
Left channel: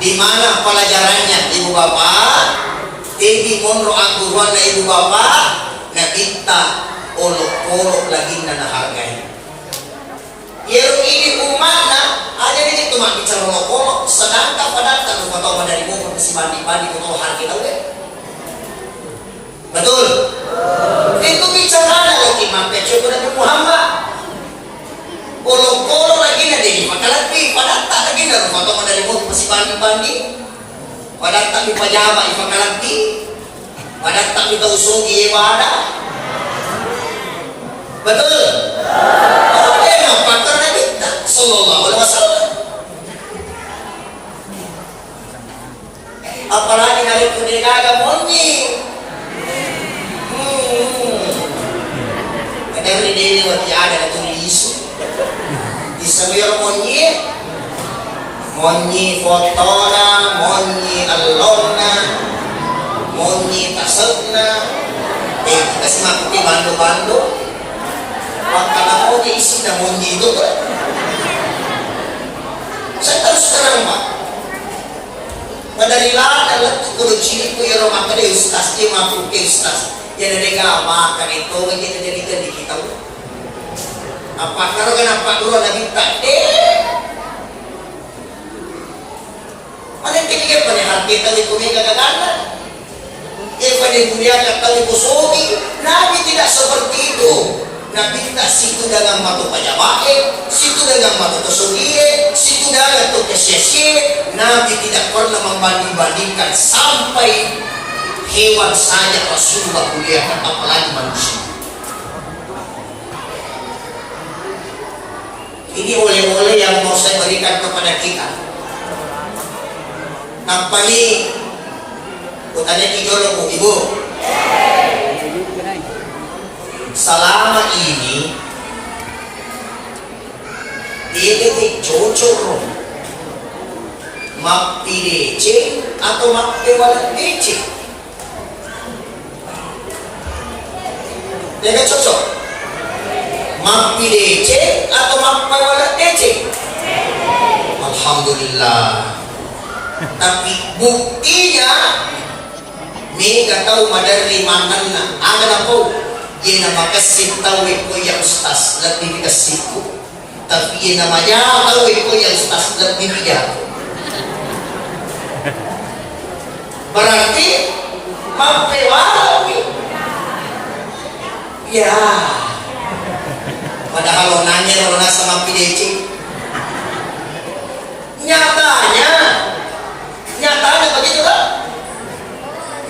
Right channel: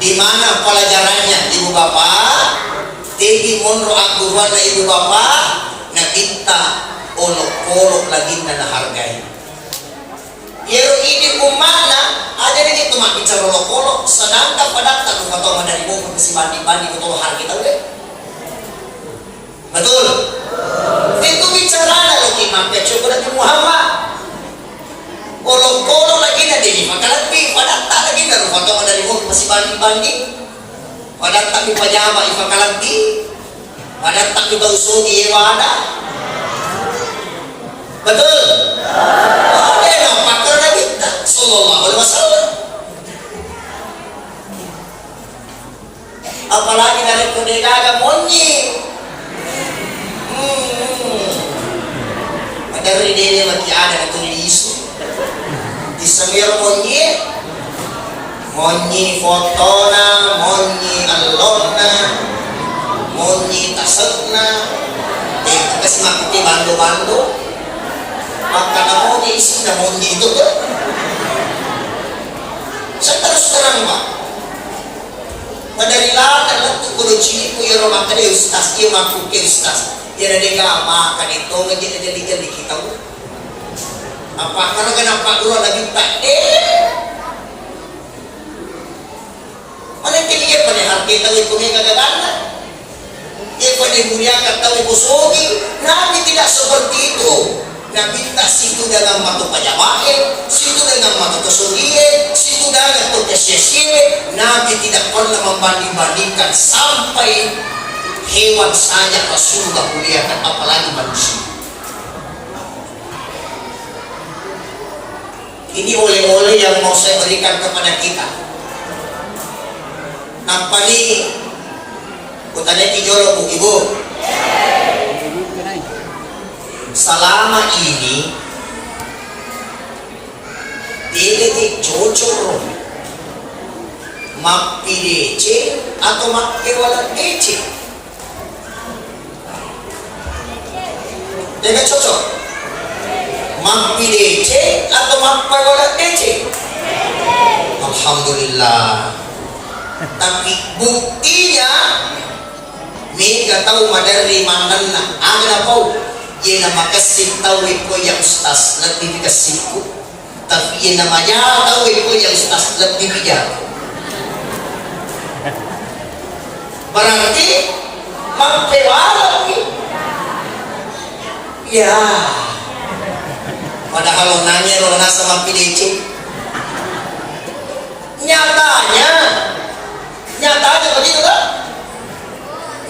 Di mana pelajarannya ibu bapak? Tebi monro angguruan na ibu bapak na kita olok-olok lagi na nahargai. Yero ini umana ada dia cuma bicara olok-olok sedangkan pada tak kata dari buku si bandi-bandi untuk harga kita udah. Betul? Itu bicara lo iman kecil pada Muhammad. Olok-olok lagi nanti maka lebih pada tak lagi dari kata dari buku si bandi-bandi. Pada tak dipajama iman kalati. Pada tak kita usugi ibadah. Betul? Sallallahu Alaihi Wasallam. Apalagi dari kuningada monyi. Dari dia mati ada tulis. Di samir monyi fotona, monyi alona, monyi tasatna. Kasi makiti bando-bando. Maka namonyi isi na monyi itu kan. Saya terus terang Pak, tu kuno cili ku yoro makan di ustaz, iya maku ke ustaz. Ya ada makan itu nggak kita jadi kita. Apa kalau kan apa dulu ada minta Ada tinggi pada hati tadi kumi kadang-kadang. Pada dunia kata kusogi, Nabi tidak seperti itu. Nabi tak situ dalam matu pajamahe, situ dalam matu kusogie, situ dalam matu kesesie. Nabi tidak pernah membanding-bandingkan sampai hewan saja Rasulullah muliakan, apalagi manusia. Ini oleh-oleh yang mau saya berikan kepada kita. Apa nih? Kutanya kijolo bu ibu. Selama ini ini cocok mapi DC atau mapi wala DC. Dia cocok mapi DC atau mapi wala DC. Alhamdulillah. Tapi buktinya mega tahu madari mandanna ada apa ye nama kasih tahu ko ya ustaz lebih kasihku tapi ye namanya tahu ko ya ustaz lebih bijak berarti mampu walau ya padahal nanya orang sama PDC nyatanya begitu kan?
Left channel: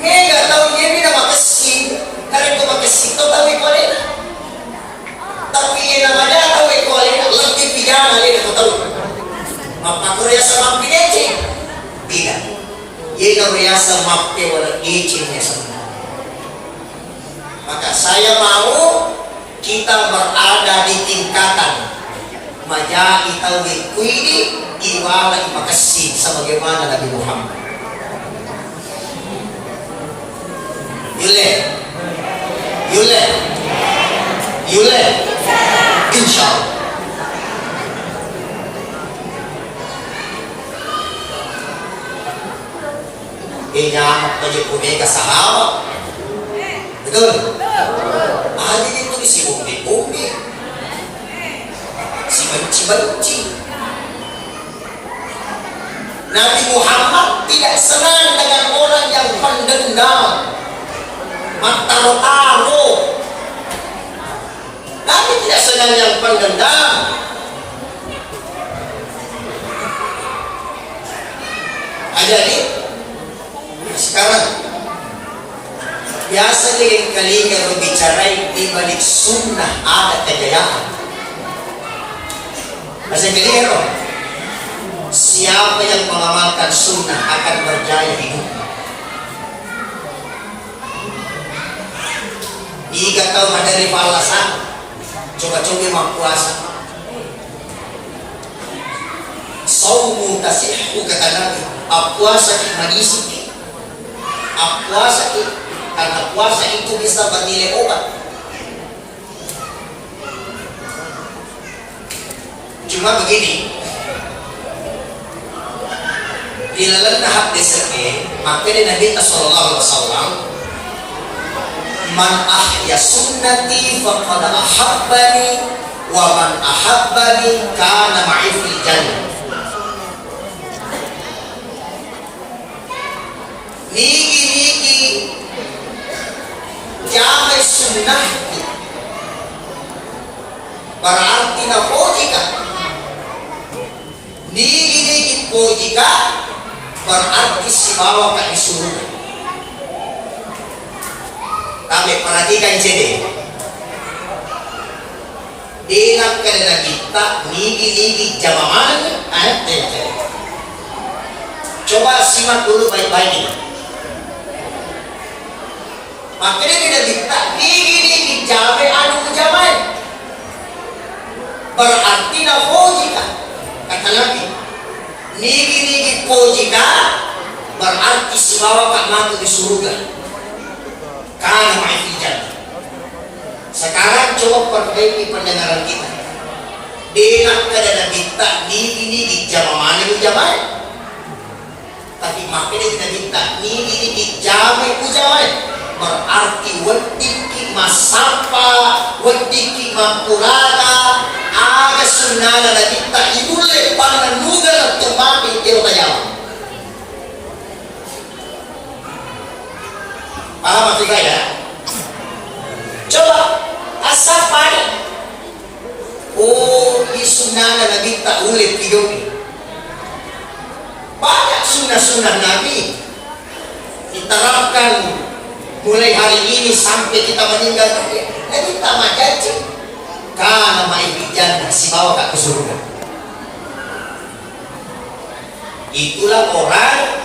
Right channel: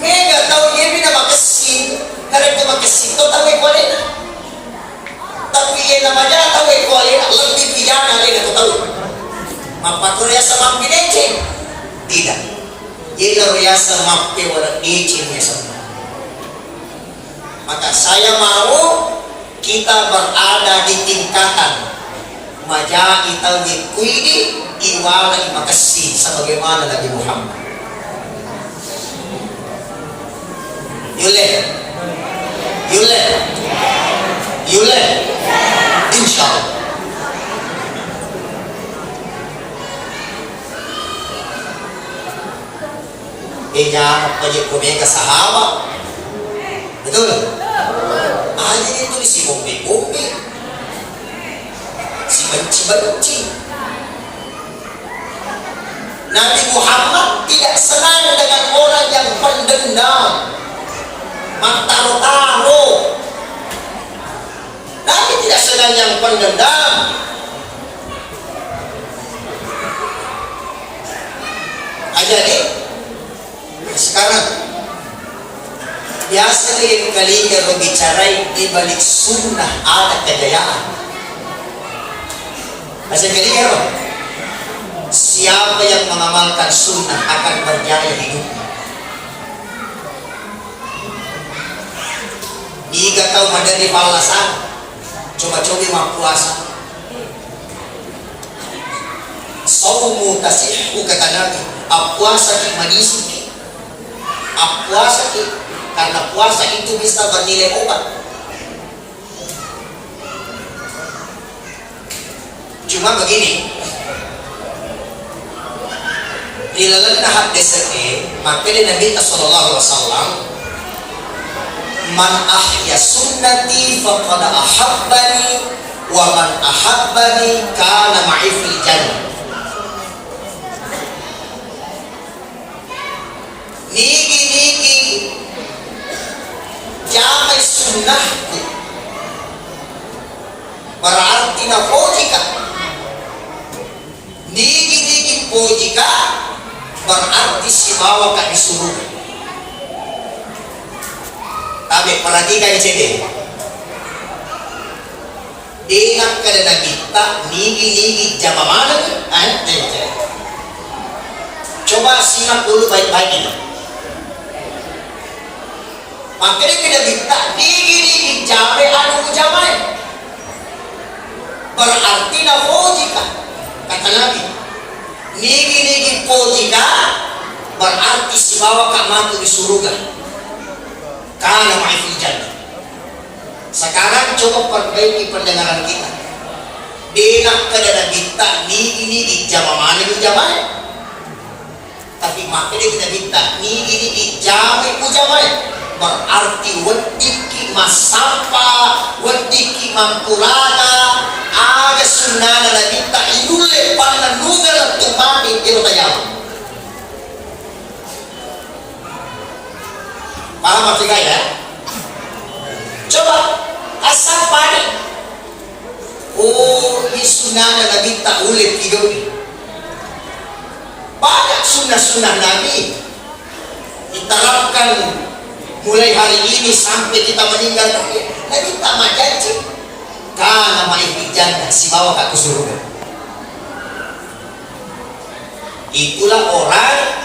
Mega tahu dia bina makasih, karena itu makasih tu tahu ikut dia. Tapi yang namanya tahu ikut dia lebih pidana dia tu tahu. Apa tu dia sama PDC? Tidak. Dia dia sama wala DC misalnya. Maka saya mau kita berada di tingkatan majai tauhid kuini iwalai makasih sebagaimana Nabi Muhammad. Yule, insyaallah. Jangan pergi ke sahabat, betul? Ada itu di si umbi, si benci. Nabi Muhammad tidak senang dengan orang yang pendendam, mataro-taro. Nabi tidak senang yang pendendam. Jadi sekarang biasa dengan kalinya berbicara di balik sunnah ada kejayaan. Masih kalinya siapa yang mengamalkan sunnah akan berjaya hidupnya. Jika kau dari balasan, coba-coba mau puasa. Saumu tasihku kata Nabi, puasa manisi. Puasa karena puasa itu bisa bernilai obat. Cuma begini, di dalam hadis ini, maka Nabi Sallallahu Alaihi Wasallam, man ahya sunnati faqad ahabbani wa man ahabbani kana ma'i fil jannah. Nigi jamai sunnahku berarti na pojika. Nigi pojika berarti si bawa ka disuruh. Tapi perhatikan CD. Dinam kada kita nigi jama mana ni? Anak tente. Coba simak dulu baik-baik ini. Makanya kita minta nigi jama anu jamai. Berarti na pojika. Kata Nabi. Nigi pojika berarti si bawa ka matu di surga. Karena ma'ifijat. Sekarang coba perbaiki pendengaran kita. Dinak kadang kita nigi jama mana jama. Tapi makanya kita minta ini ijame ujame berarti wadiki masapa wadiki mampuraga aga sunana na minta inule pananugan at tumami ilo tayaw. Para matigay ya. Coba asapa ni isunana na minta ulit igaw ni. Banyak sunnah-sunnah Nabi diterapkan mulai hari ini sampai kita meninggal dunia. Nabi tak janji karena main jannah si bawa ke surga. Itulah orang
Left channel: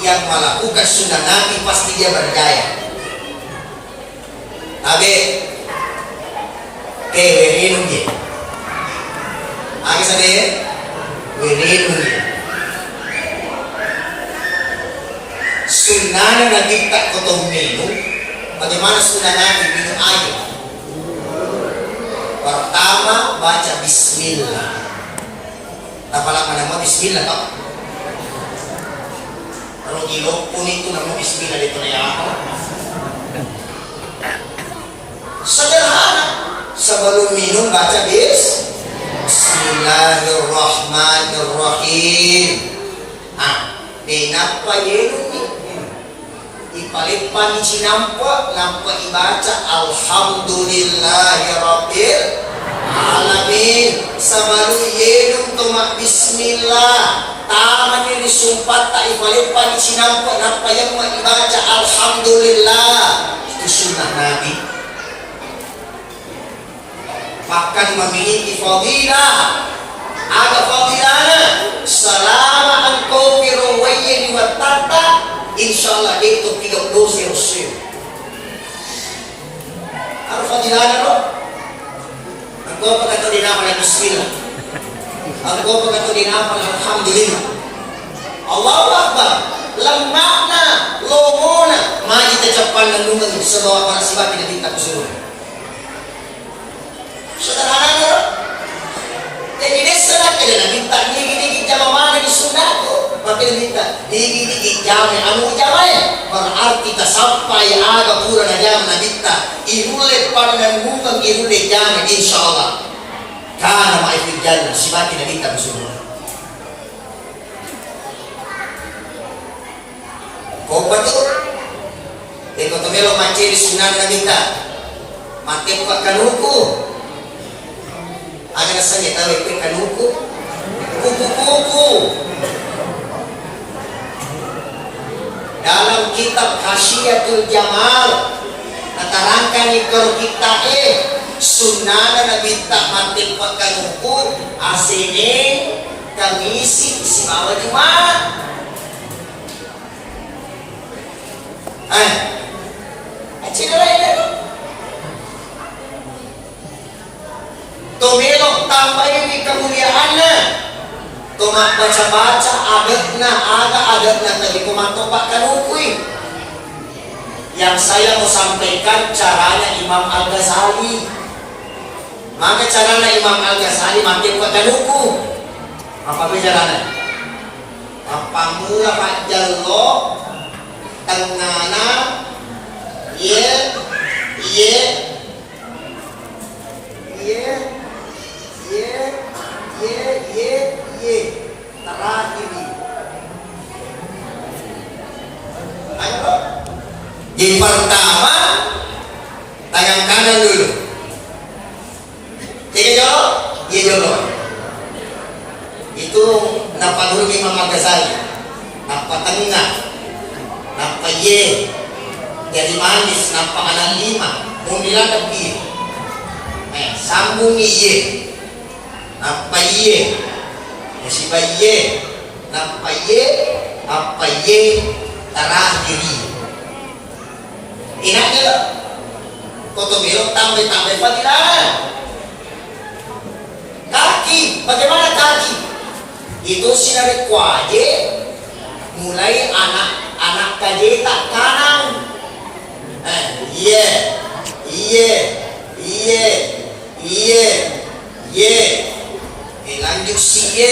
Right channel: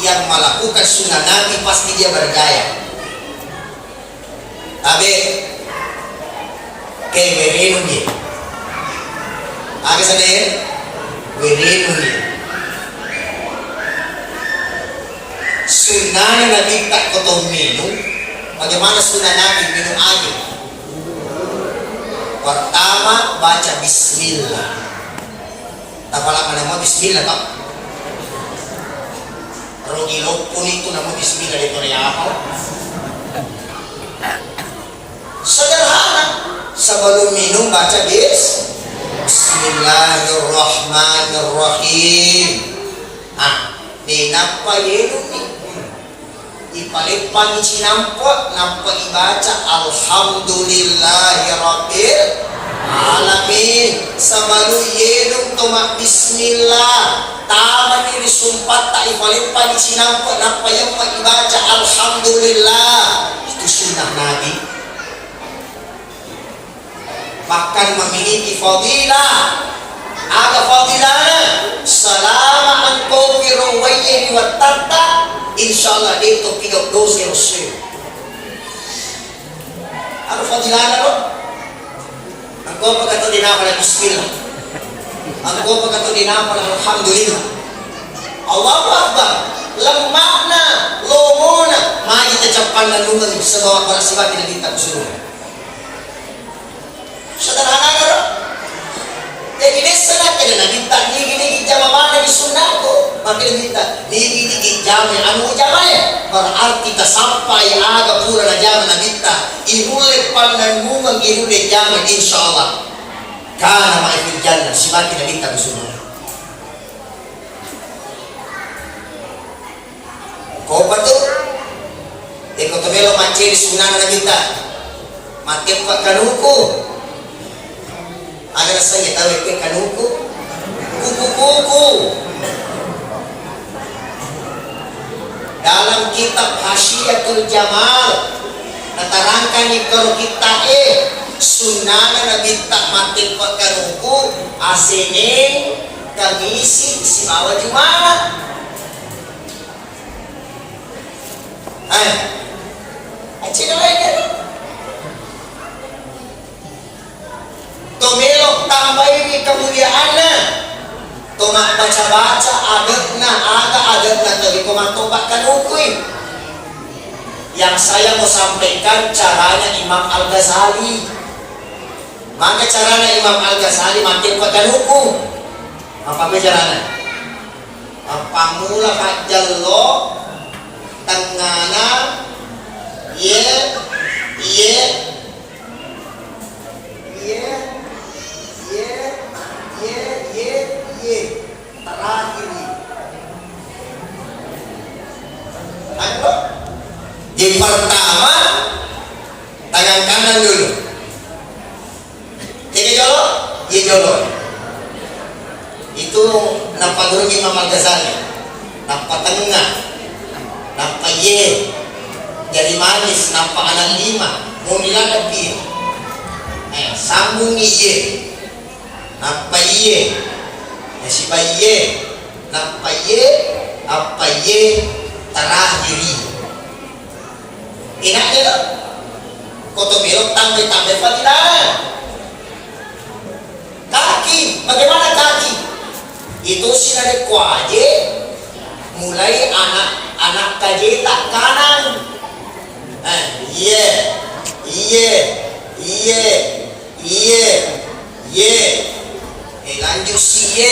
yang melakukan sunnah Nabi pasti dia berjaya. Tapi keberenung dia. Agak sadar berenung dia. Sunnah Nabi tak kotong minum. Bagaimana sunnah Nabi minum air? Pertama baca Bismillah. Tapalak mana mau Bismillah tak? Kalau ilokun itu nama Bismillah itu yang apa? Sederhana. Sebelum minum baca Bismillahirrahmanirrahim. Ah, kenapa ini? Ipalipan sinampak nampak ibaca alhamdulillahirabbil alamin sabaru yedum tomak bismillah taman ini sumpah tak ipalipan sinampak nampak yang ibaca alhamdulillah. Itu sunnah Nabi. Bahkan memiliki fadilah. Ada fadilahnya selama engkau firwayyi wa tata insyaallah itu 3 dosa Rasul. Apa fadilahnya loh? Engkau berkata di nama Bismillah. Engkau berkata di nama Alhamdulillah. Allahu Akbar. Lemakna, lomona, maju tecapan dan lungan sebawa para siwa tidak minta usul. Sederhana loh. Jadi nesalah kalian minta ni jawaban dari sunnahku. Maka minta ni jawaban anu jawaban berarti tak sampai aga pura na jawaban na minta ihule pandan bungang ihule jawaban insyaallah karena ma'ifil jannah sibaki na minta musuh. Kau betul? Eko tumelo macam sunnah na minta mati pak kanuku. Ada rasanya tahu itu kanuku kuku-kuku. Dalam kitab Hasyiatul Jamal natarangkan ikor kita sunnah Nabi tak mati pak kanuku asene kamisi simawa Jumat. Cina lain Tomelok tambah ini kemuliaannya. Tomak baca-baca adatnya tapi tomak tobakkan hukum. Yang saya mau sampaikan caranya Imam Al-Ghazali. Maka caranya Imam Al-Ghazali makin tobakkan hukum. Apa caranya? Apa mula Pak Jallo tengana ye terakhir. Ayo. Jadi pertama tangan kanan dulu. Tiga jolo, ye jolo. Itu nampak dulu Imam Al-Ghazali. Nampak tengah. Nampak ye. Dari manis nampak anak 5. Mau bilang lebih. Sambung ye. Nampak ye. Siapa ye? Nampak ye? Apa ye? Terakhiri. Ingat ya? Koto belok tambah fadilah. Kaki, bagaimana kaki? Itu sinar kuaje. Mulai anak kajeta kanan. Lanjut si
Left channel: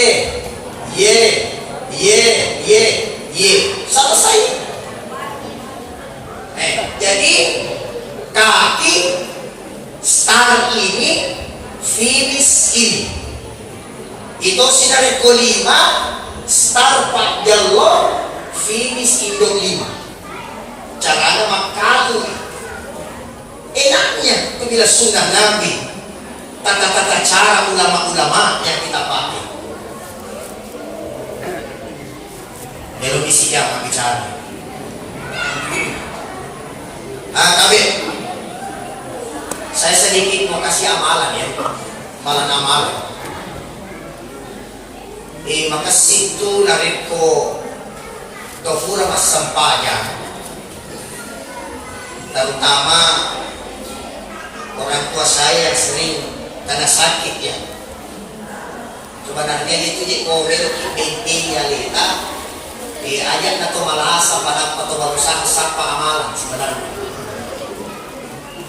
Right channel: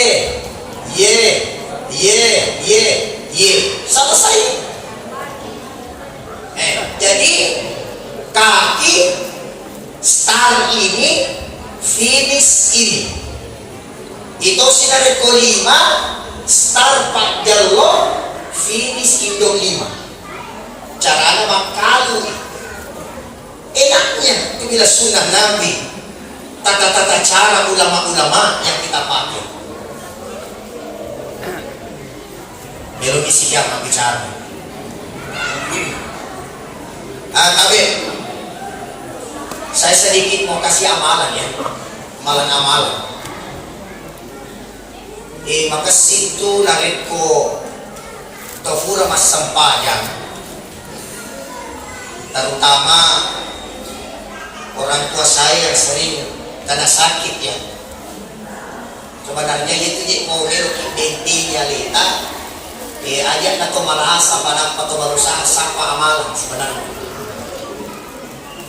ye star ini, finish ini. Ito sinari ko 5, star pagdalo, finish indong 5. Cara na makado. Enaknya itu bila sunnah Nabi, tata-tata cara ulama-ulama yang kita pakai. Belum isinya apa bicara. Tapi saya sedikit mau kasih amalan ya, amalan. Maka situ narin ko tofura mas sampayan, terutama orang tua saya yang sering kena sakit ya. Sebenarnya itu di mobil intinya lita, ajak na to malahas apa dapat to barusan sapa amalan sebenarnya.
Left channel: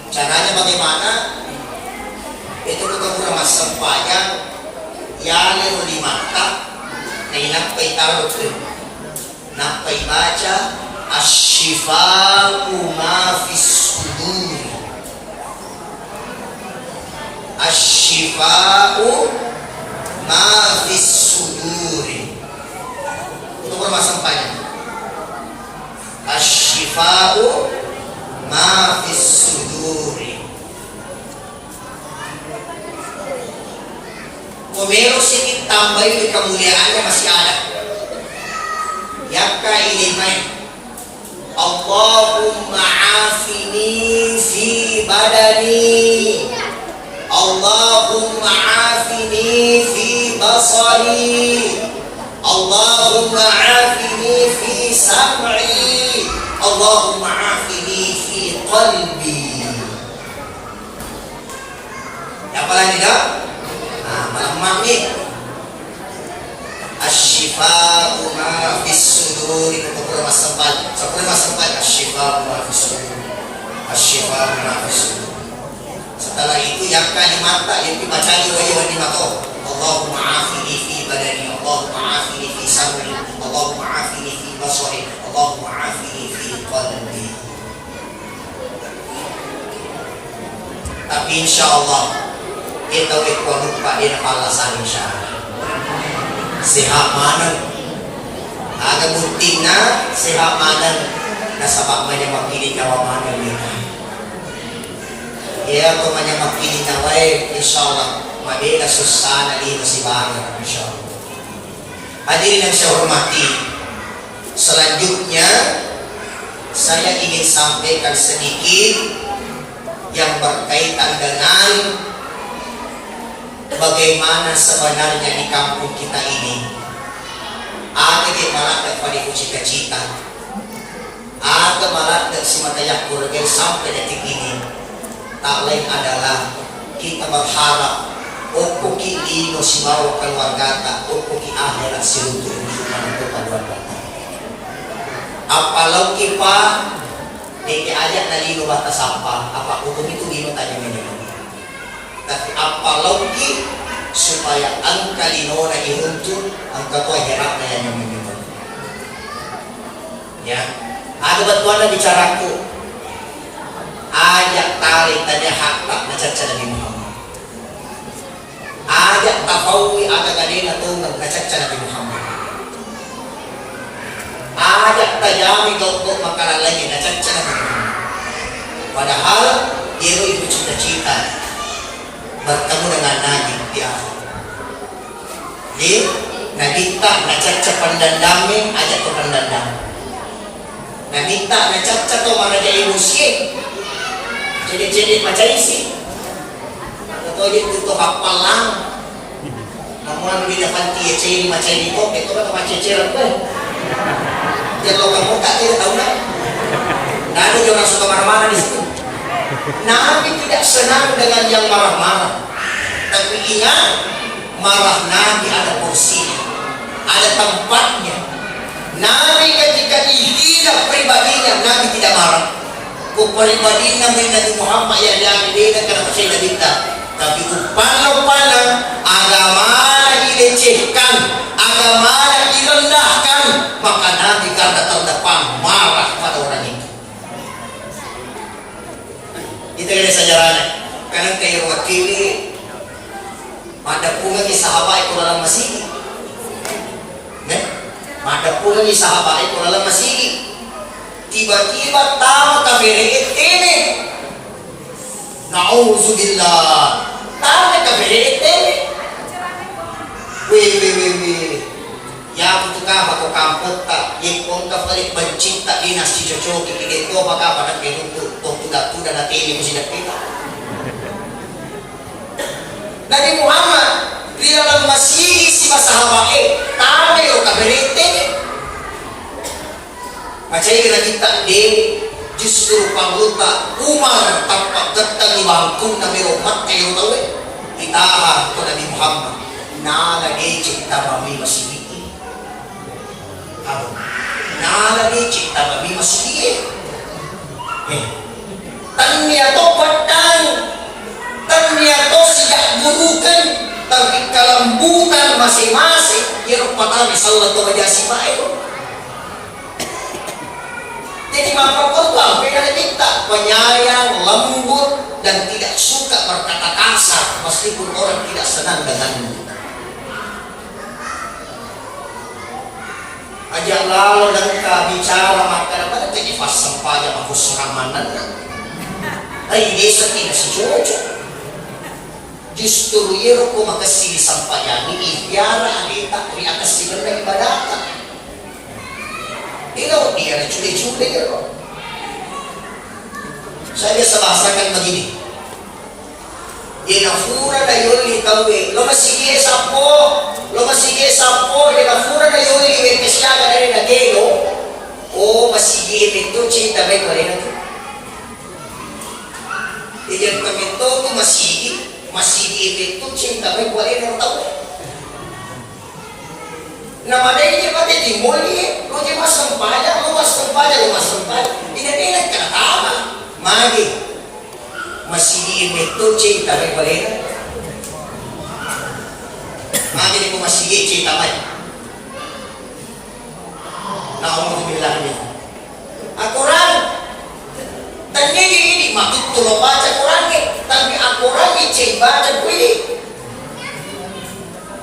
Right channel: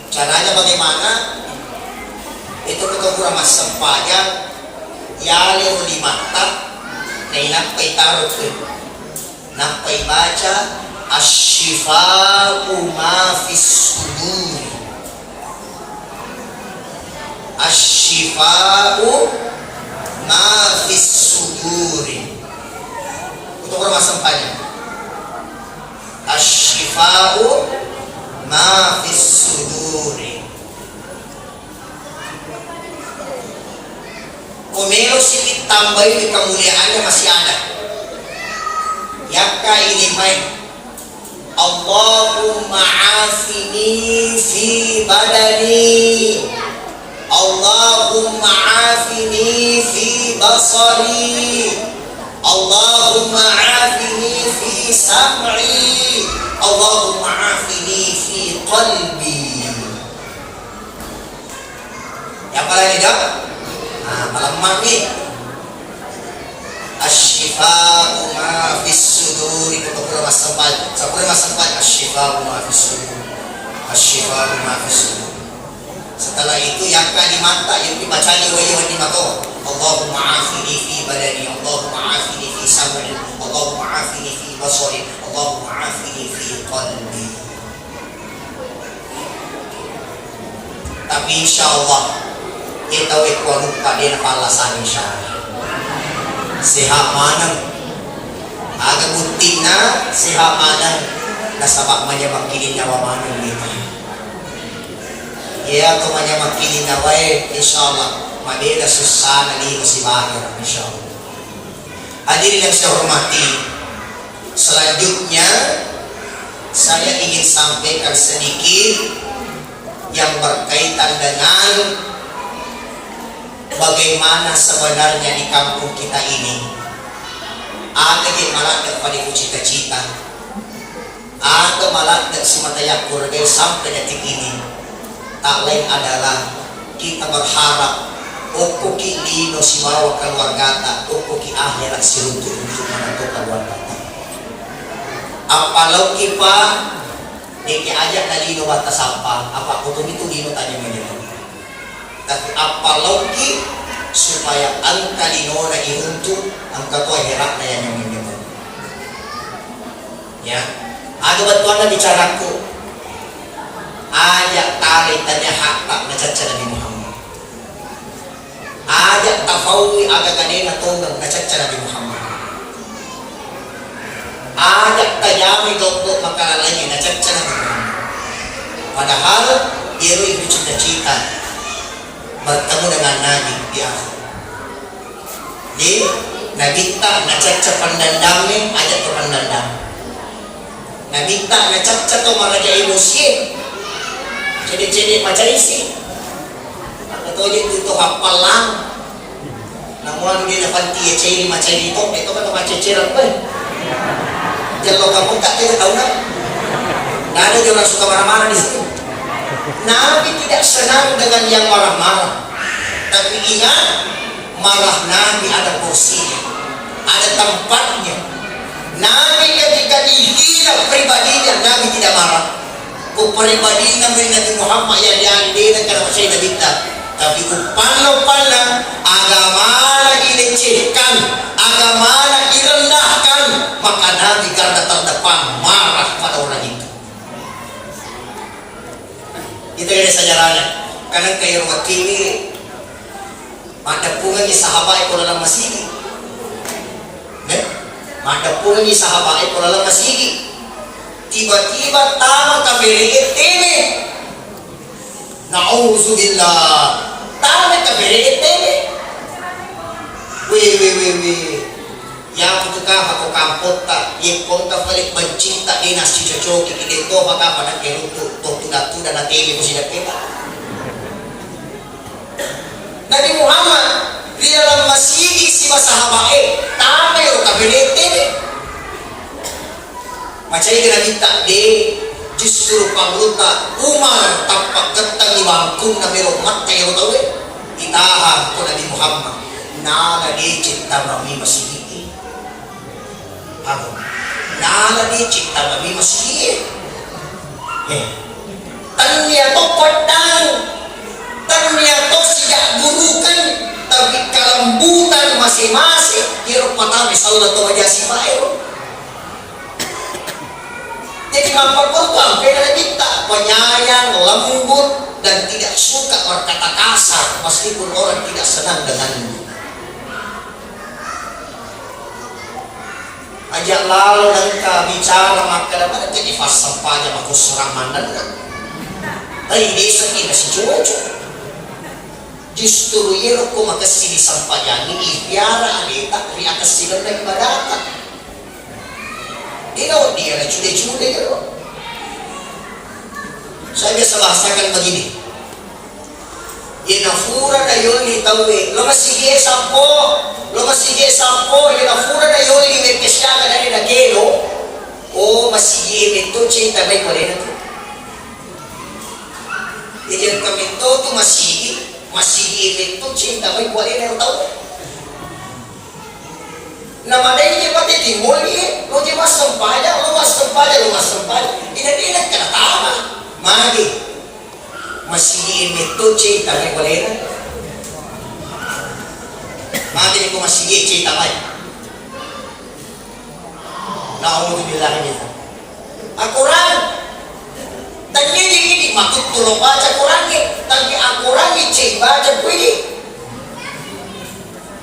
Caranya bagaimana? Itu ketemu mas sampayan, yale di mata, nainapay tarot napay baca asyifa'u ma fis sudur. Asyifa'u ma fis sudur. Untuk permasalahannya. Asyifa'u ma fis sudur. Kung meron sedikit tambay di kemuliaannya masih ada. Yaka ilimay, Allahumma afini fi badani, Allahumma afini fi basari, Allahumma afini fi sam'i, Allahumma afini fi qalbi. Yang paling tidak? Malaman nih. Asyifa'u ma fis sudur, itu beberapa tempat. Asyifa'u ma fis sudur. Asyifa'u ma fis sudur. Setelah itu yang di mata yang dibaca di mata. Allahumma afini fi badani, Allahumma afini fi sam'i, Allahumma afini fi basari, Allahumma afini fi qalbi. Tapi insyaallah kita wekwa lupa din palasan insyaallah. Sehat mana? Ada bukti na sehat mana? Nasabak manya makilin na wamano nito. Iya ko manya makilin na way insyaallah mabela susana dito si Baga insyaallah. Hadirin yang saya hormati, selanjutnya saya ingin sampaikan sedikit yang berkaitan dengan bagaimana sebenarnya di kampung kita ini ada di malakot pada cita-cita, ada malakot si matayak kurgen sampai detik ini. Tak lain adalah kita berharap ukuki dino si maraw keluargata, ukuki akhirat si runtuh untuk menentukan keluargata. Apalau kipa diki ajak na dino batas sampah, apa untuk itu dino tadi menino. Tapi apalagi supaya angka lino na iruntuh, angka to herat na yan yung minimum. Ya, ada batuan na bicaraku. Ajak tarik tanya hakta na caca Nabi Muhammad. Ajak tafawi aga gani na tunag na caca Nabi Muhammad. Ajak tajami gopot makalalay na caca Nabi Muhammad. Padahal iro itu cita-cita bertemu dengan Nabi di akhir. Jadi Nabi tak nak cacap pandandangnya, ajak ke pandandang. Nabi tak nak cacap tu maraja ilusi. Jadi macam isi. Atau dia tutup hafal lang. Namun dia dapat dia ciri macam itu kan macam ciri apa? Kalau kamu tak tahu nak. Nah ada orang suka marah-marah di situ. Nabi tidak senang dengan yang marah-marah. Tapi ingat, marah Nabi ada porsinya, ada tempatnya. Nabi ketika dihina pribadinya, Nabi tidak marah. Pribadinya Nabi Muhammad yang dia kenapa saya tidak minta. Tapi upana agama dilecehkan, agama direndahkan, maka Nabi garda terdepan marah pada orang itu. Itu yang saya jalankan. Kanang kayo nga kini, madapungan ni sa haba ito lang masigi. Madapungan ni sa haba ito lang masigi. Tiba-tiba tama ka beriit ini. Na'udzubillah. Tama ka beriit ini. Wih. Ya itu ka ako kampot ta. Yung konta palit bancinta ina si Chochoki. Kikit ko baka parang kinuto. Tuda na tili mo sila kita. Nabi Muhammad, dia lang masigi si masahabae. Tama yung kabinete. Macam kira kita di justru pangluta Umar tampak gantang iwangkong na miro mat kayo tawe. Itaha ko Nabi Muhammad. Nalagi cinta kami masigi. Ako. Nalagi cinta kami masigi. Tanya to patang. Tanya to siya gurukan. Tapi kalambutan masing-masing. Kira patang misalnya to aja si Paero. Jadi mapapun ang pinakita, penyayang, lembut, dan tidak suka berkata kasar meskipun orang tidak senang dengannya. Ajak lalu dan kalau bicara maka dapat jadi fasa pada aku serangan dan tapi desa tidak sejojo. Justru aku makasih sampaian ini biara adita ri atas silang ibadah. Dia na cude-cude gitu. Saya biasa bahasakan begini. Inafura na yun ni tawe. Lo masige sampo. Inafura na yun ni mepesyaga na rin na gelo. O masige ito cinta may kwalina to. Iyan kami to masige ito cinta may kwalina tawe. Namadai niya pati timol niya. Lo di mas sampaya. Inadinag ka na tama. Magi. Masigiin ito, chay, tamay balena. Magi ni ko masigiin, chay, tamay. Naumod bilang niya. Akuran. Tanya ini, makutulong baca Quran niya. Tapi akuran ni chay, baca pwede.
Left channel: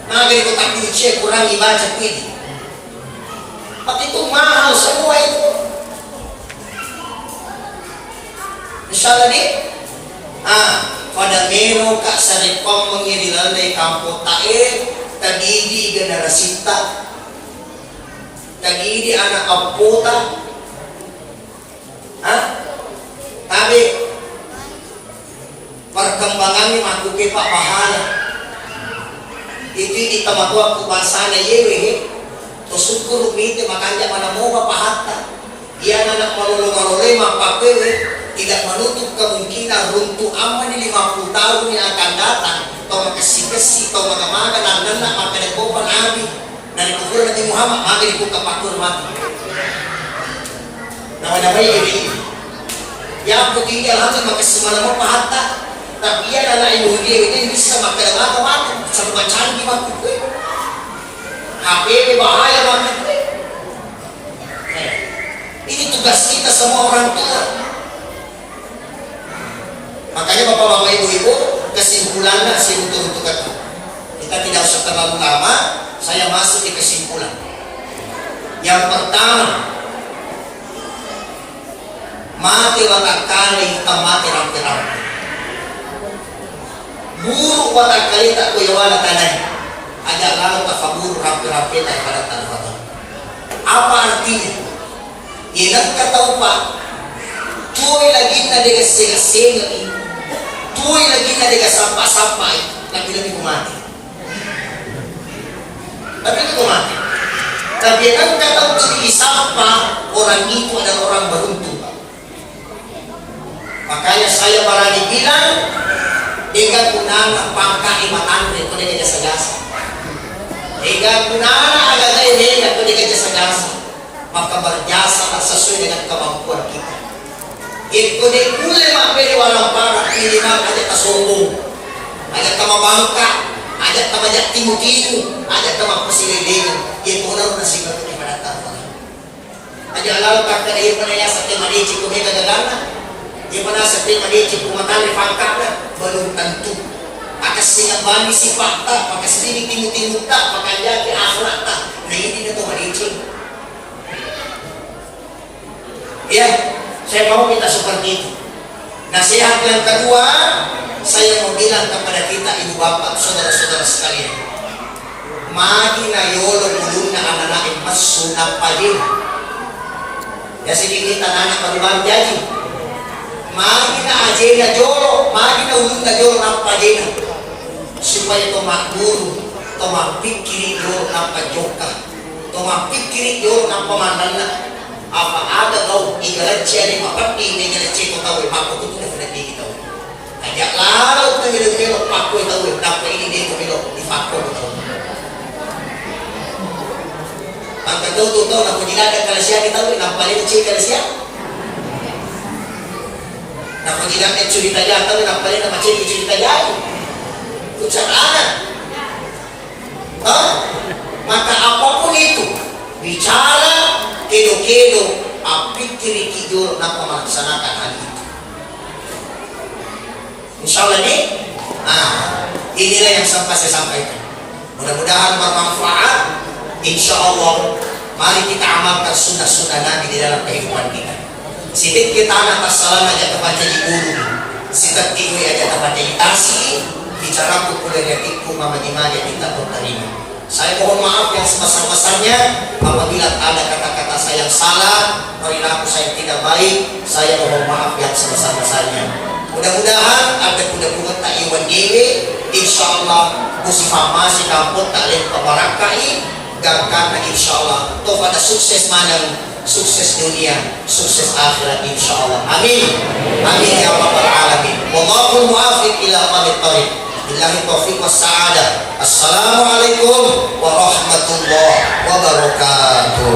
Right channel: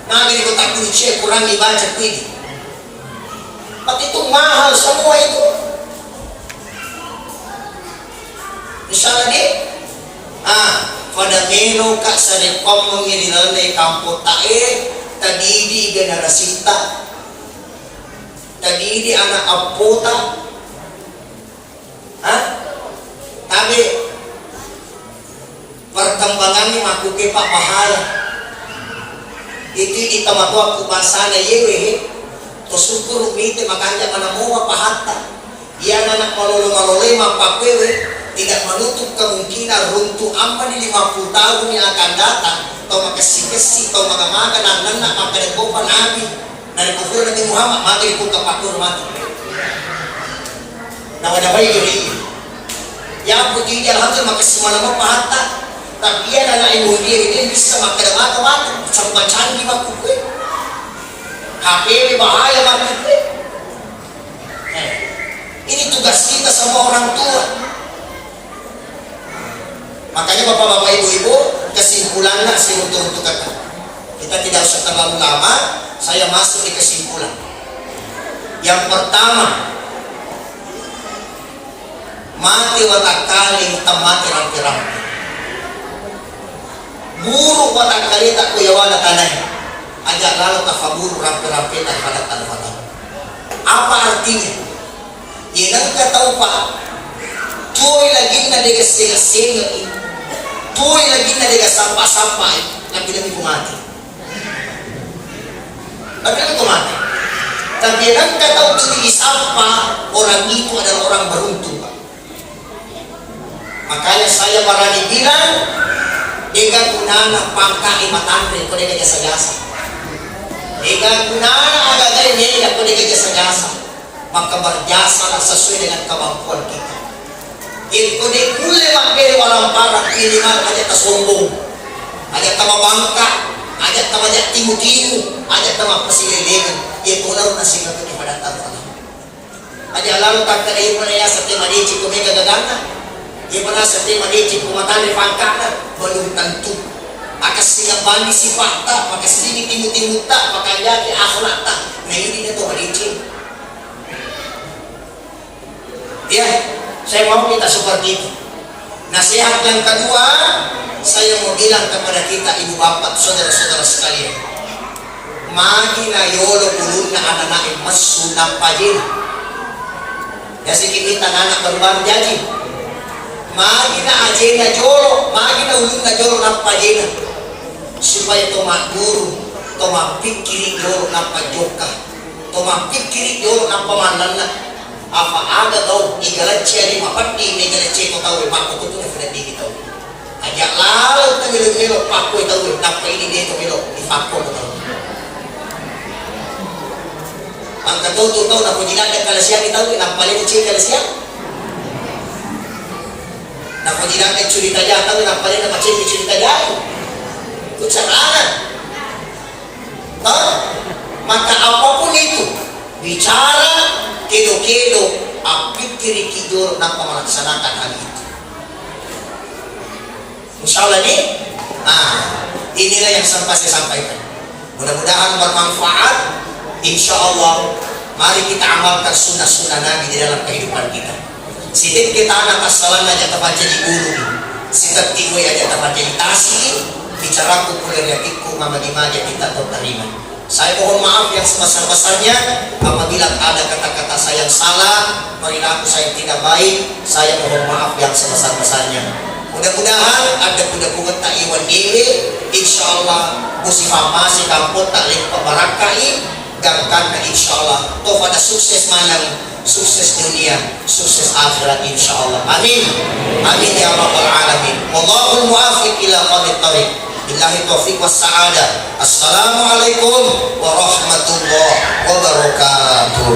Magi ni ko takut chay, Quran ni baca pwede. Pati itu mahal semua itu. Misalnya ni, kada meron ka sa repom nung inilalay kampo tae, tagidi generasita, tagidi anak apota, tabi, perkembangan ni matuke pa pahala. Itu kita matuwa kupansana yewe, tosukur umite makanya manamuwa pahatta. Iyan anak malulong-malulong mapapewe, tidak menutup kemungkinan runtuh aman di 50 tahun yang akan datang atau makasih-kasih atau makan-makan anak-anak maka dikopan Nabi dari kubur Nabi Muhammad maka dibuka patur mati nah ada baik ini yang putih alhamdulillah makasih malam pahata tapi ia adalah ilmu dia ini bisa makan mata-mata sama canggih waktu gue HP bahaya waktu gue ini tugas kita sama orang tua. Makanya bapak-bapak ibu-ibu kesimpulannya saya untuk kita tidak usah terlalu lama. Saya masuk di kesimpulan. Yang pertama, mati watak kali mati rampi-rampi. Buruk watak kali tak kuyawana tanah. Ajak lalu tafabur rampi-rampi tak pada tanah. Apa artinya? Ilang kataw pa, tuloy lagi na degas-degas-degas ini. Tuloy lagi na degas sampah-sampah lagi-lagi kumati. Lagi-lagi kumati. Tapi ang kataw tuloy sampah, orang itu adalah orang beruntung. Makanya saya berani bilang, ega kunana pangka imatan ko din jasa-jasa. Ega kunana agad din ko din jasa-jasa. Maka berjasa sesuai dengan kemampuan kita. Itu di kule makere walang para ini mah aja tasombong, aja tamabangka, aja tamajak timu-timu, aja tamang pasililingan. Itu daw nasib natin pada tangan. Aja lalu kata dia pada ya sakit madici kumega gagana. Gimana sa tema lecik kumatali pangkat na belum tentu. Akas singa bani sifat tak, maka sedikit timut-timut tak, maka jadi akhlak tak. Nah ini dia tuh lecik. Ya, saya mau kita seperti itu. Nasihat yang kedua, saya mau bilang kepada kita ibu bapak, saudara-saudara sekalian. Magi na yolo ulun na anak-anak mas sunang pajin. Ya sedikit anak baru jadi. Magi na ajena jolo, magi na ulun na jolo ng pajin. Supaya tumakguru, tumapikiri jolo ng pajoka, tumapikiri jolo ng pamandalan. Apa ada kau igalatsi ani mapati ni igalatsi ko tahu aku tuh sudah dikit tahu. Ajak lalu kita milo aku tahu apa ini dia milo di aku tahu. Maka tuh nak pujina ada kalasian tahu nak paling kecil kalasian. Nak pujina ada cerita dia tahu nak paling nak cerita dia. Itu salah. Maka apapun itu bicara kedo-kedo apikiri kijor na pemaksanakan hal itu. Insya Allah ini, inilah yang sampai saya sampaikan. Mudah-mudahan bermanfaat. Insya Allah, mari kita amalkan sunnah-sunnah Nabi di dalam kehidupan kita. Sidip kita anak kesalahan aja tempat jadi guru, sidip tigo aja tempat jadi kasih, bicara kupul dari hatiku, mama lima aja kita terima. Saya mohon maaf yang sebesar-besarnya apabila ada kata-kata saya yang salah, perilaku saya yang tidak baik, saya mohon maaf yang sebesar-besarnya. Mudah-mudahan ada kuda-kuda tak iwan diri, insya Allah musifah masih kampung tak lihat pemarakai, dan karena insya Allah toh pada sukses mana, sukses dunia, sukses akhirat insya Allah. Amin. Amin ya rabbal alamin. Wallahul muwaffiq ila aqwamit thoriq. Billahi taufiq was sa'adah. Assalamualaikum warahmatullahi wabarakatuh.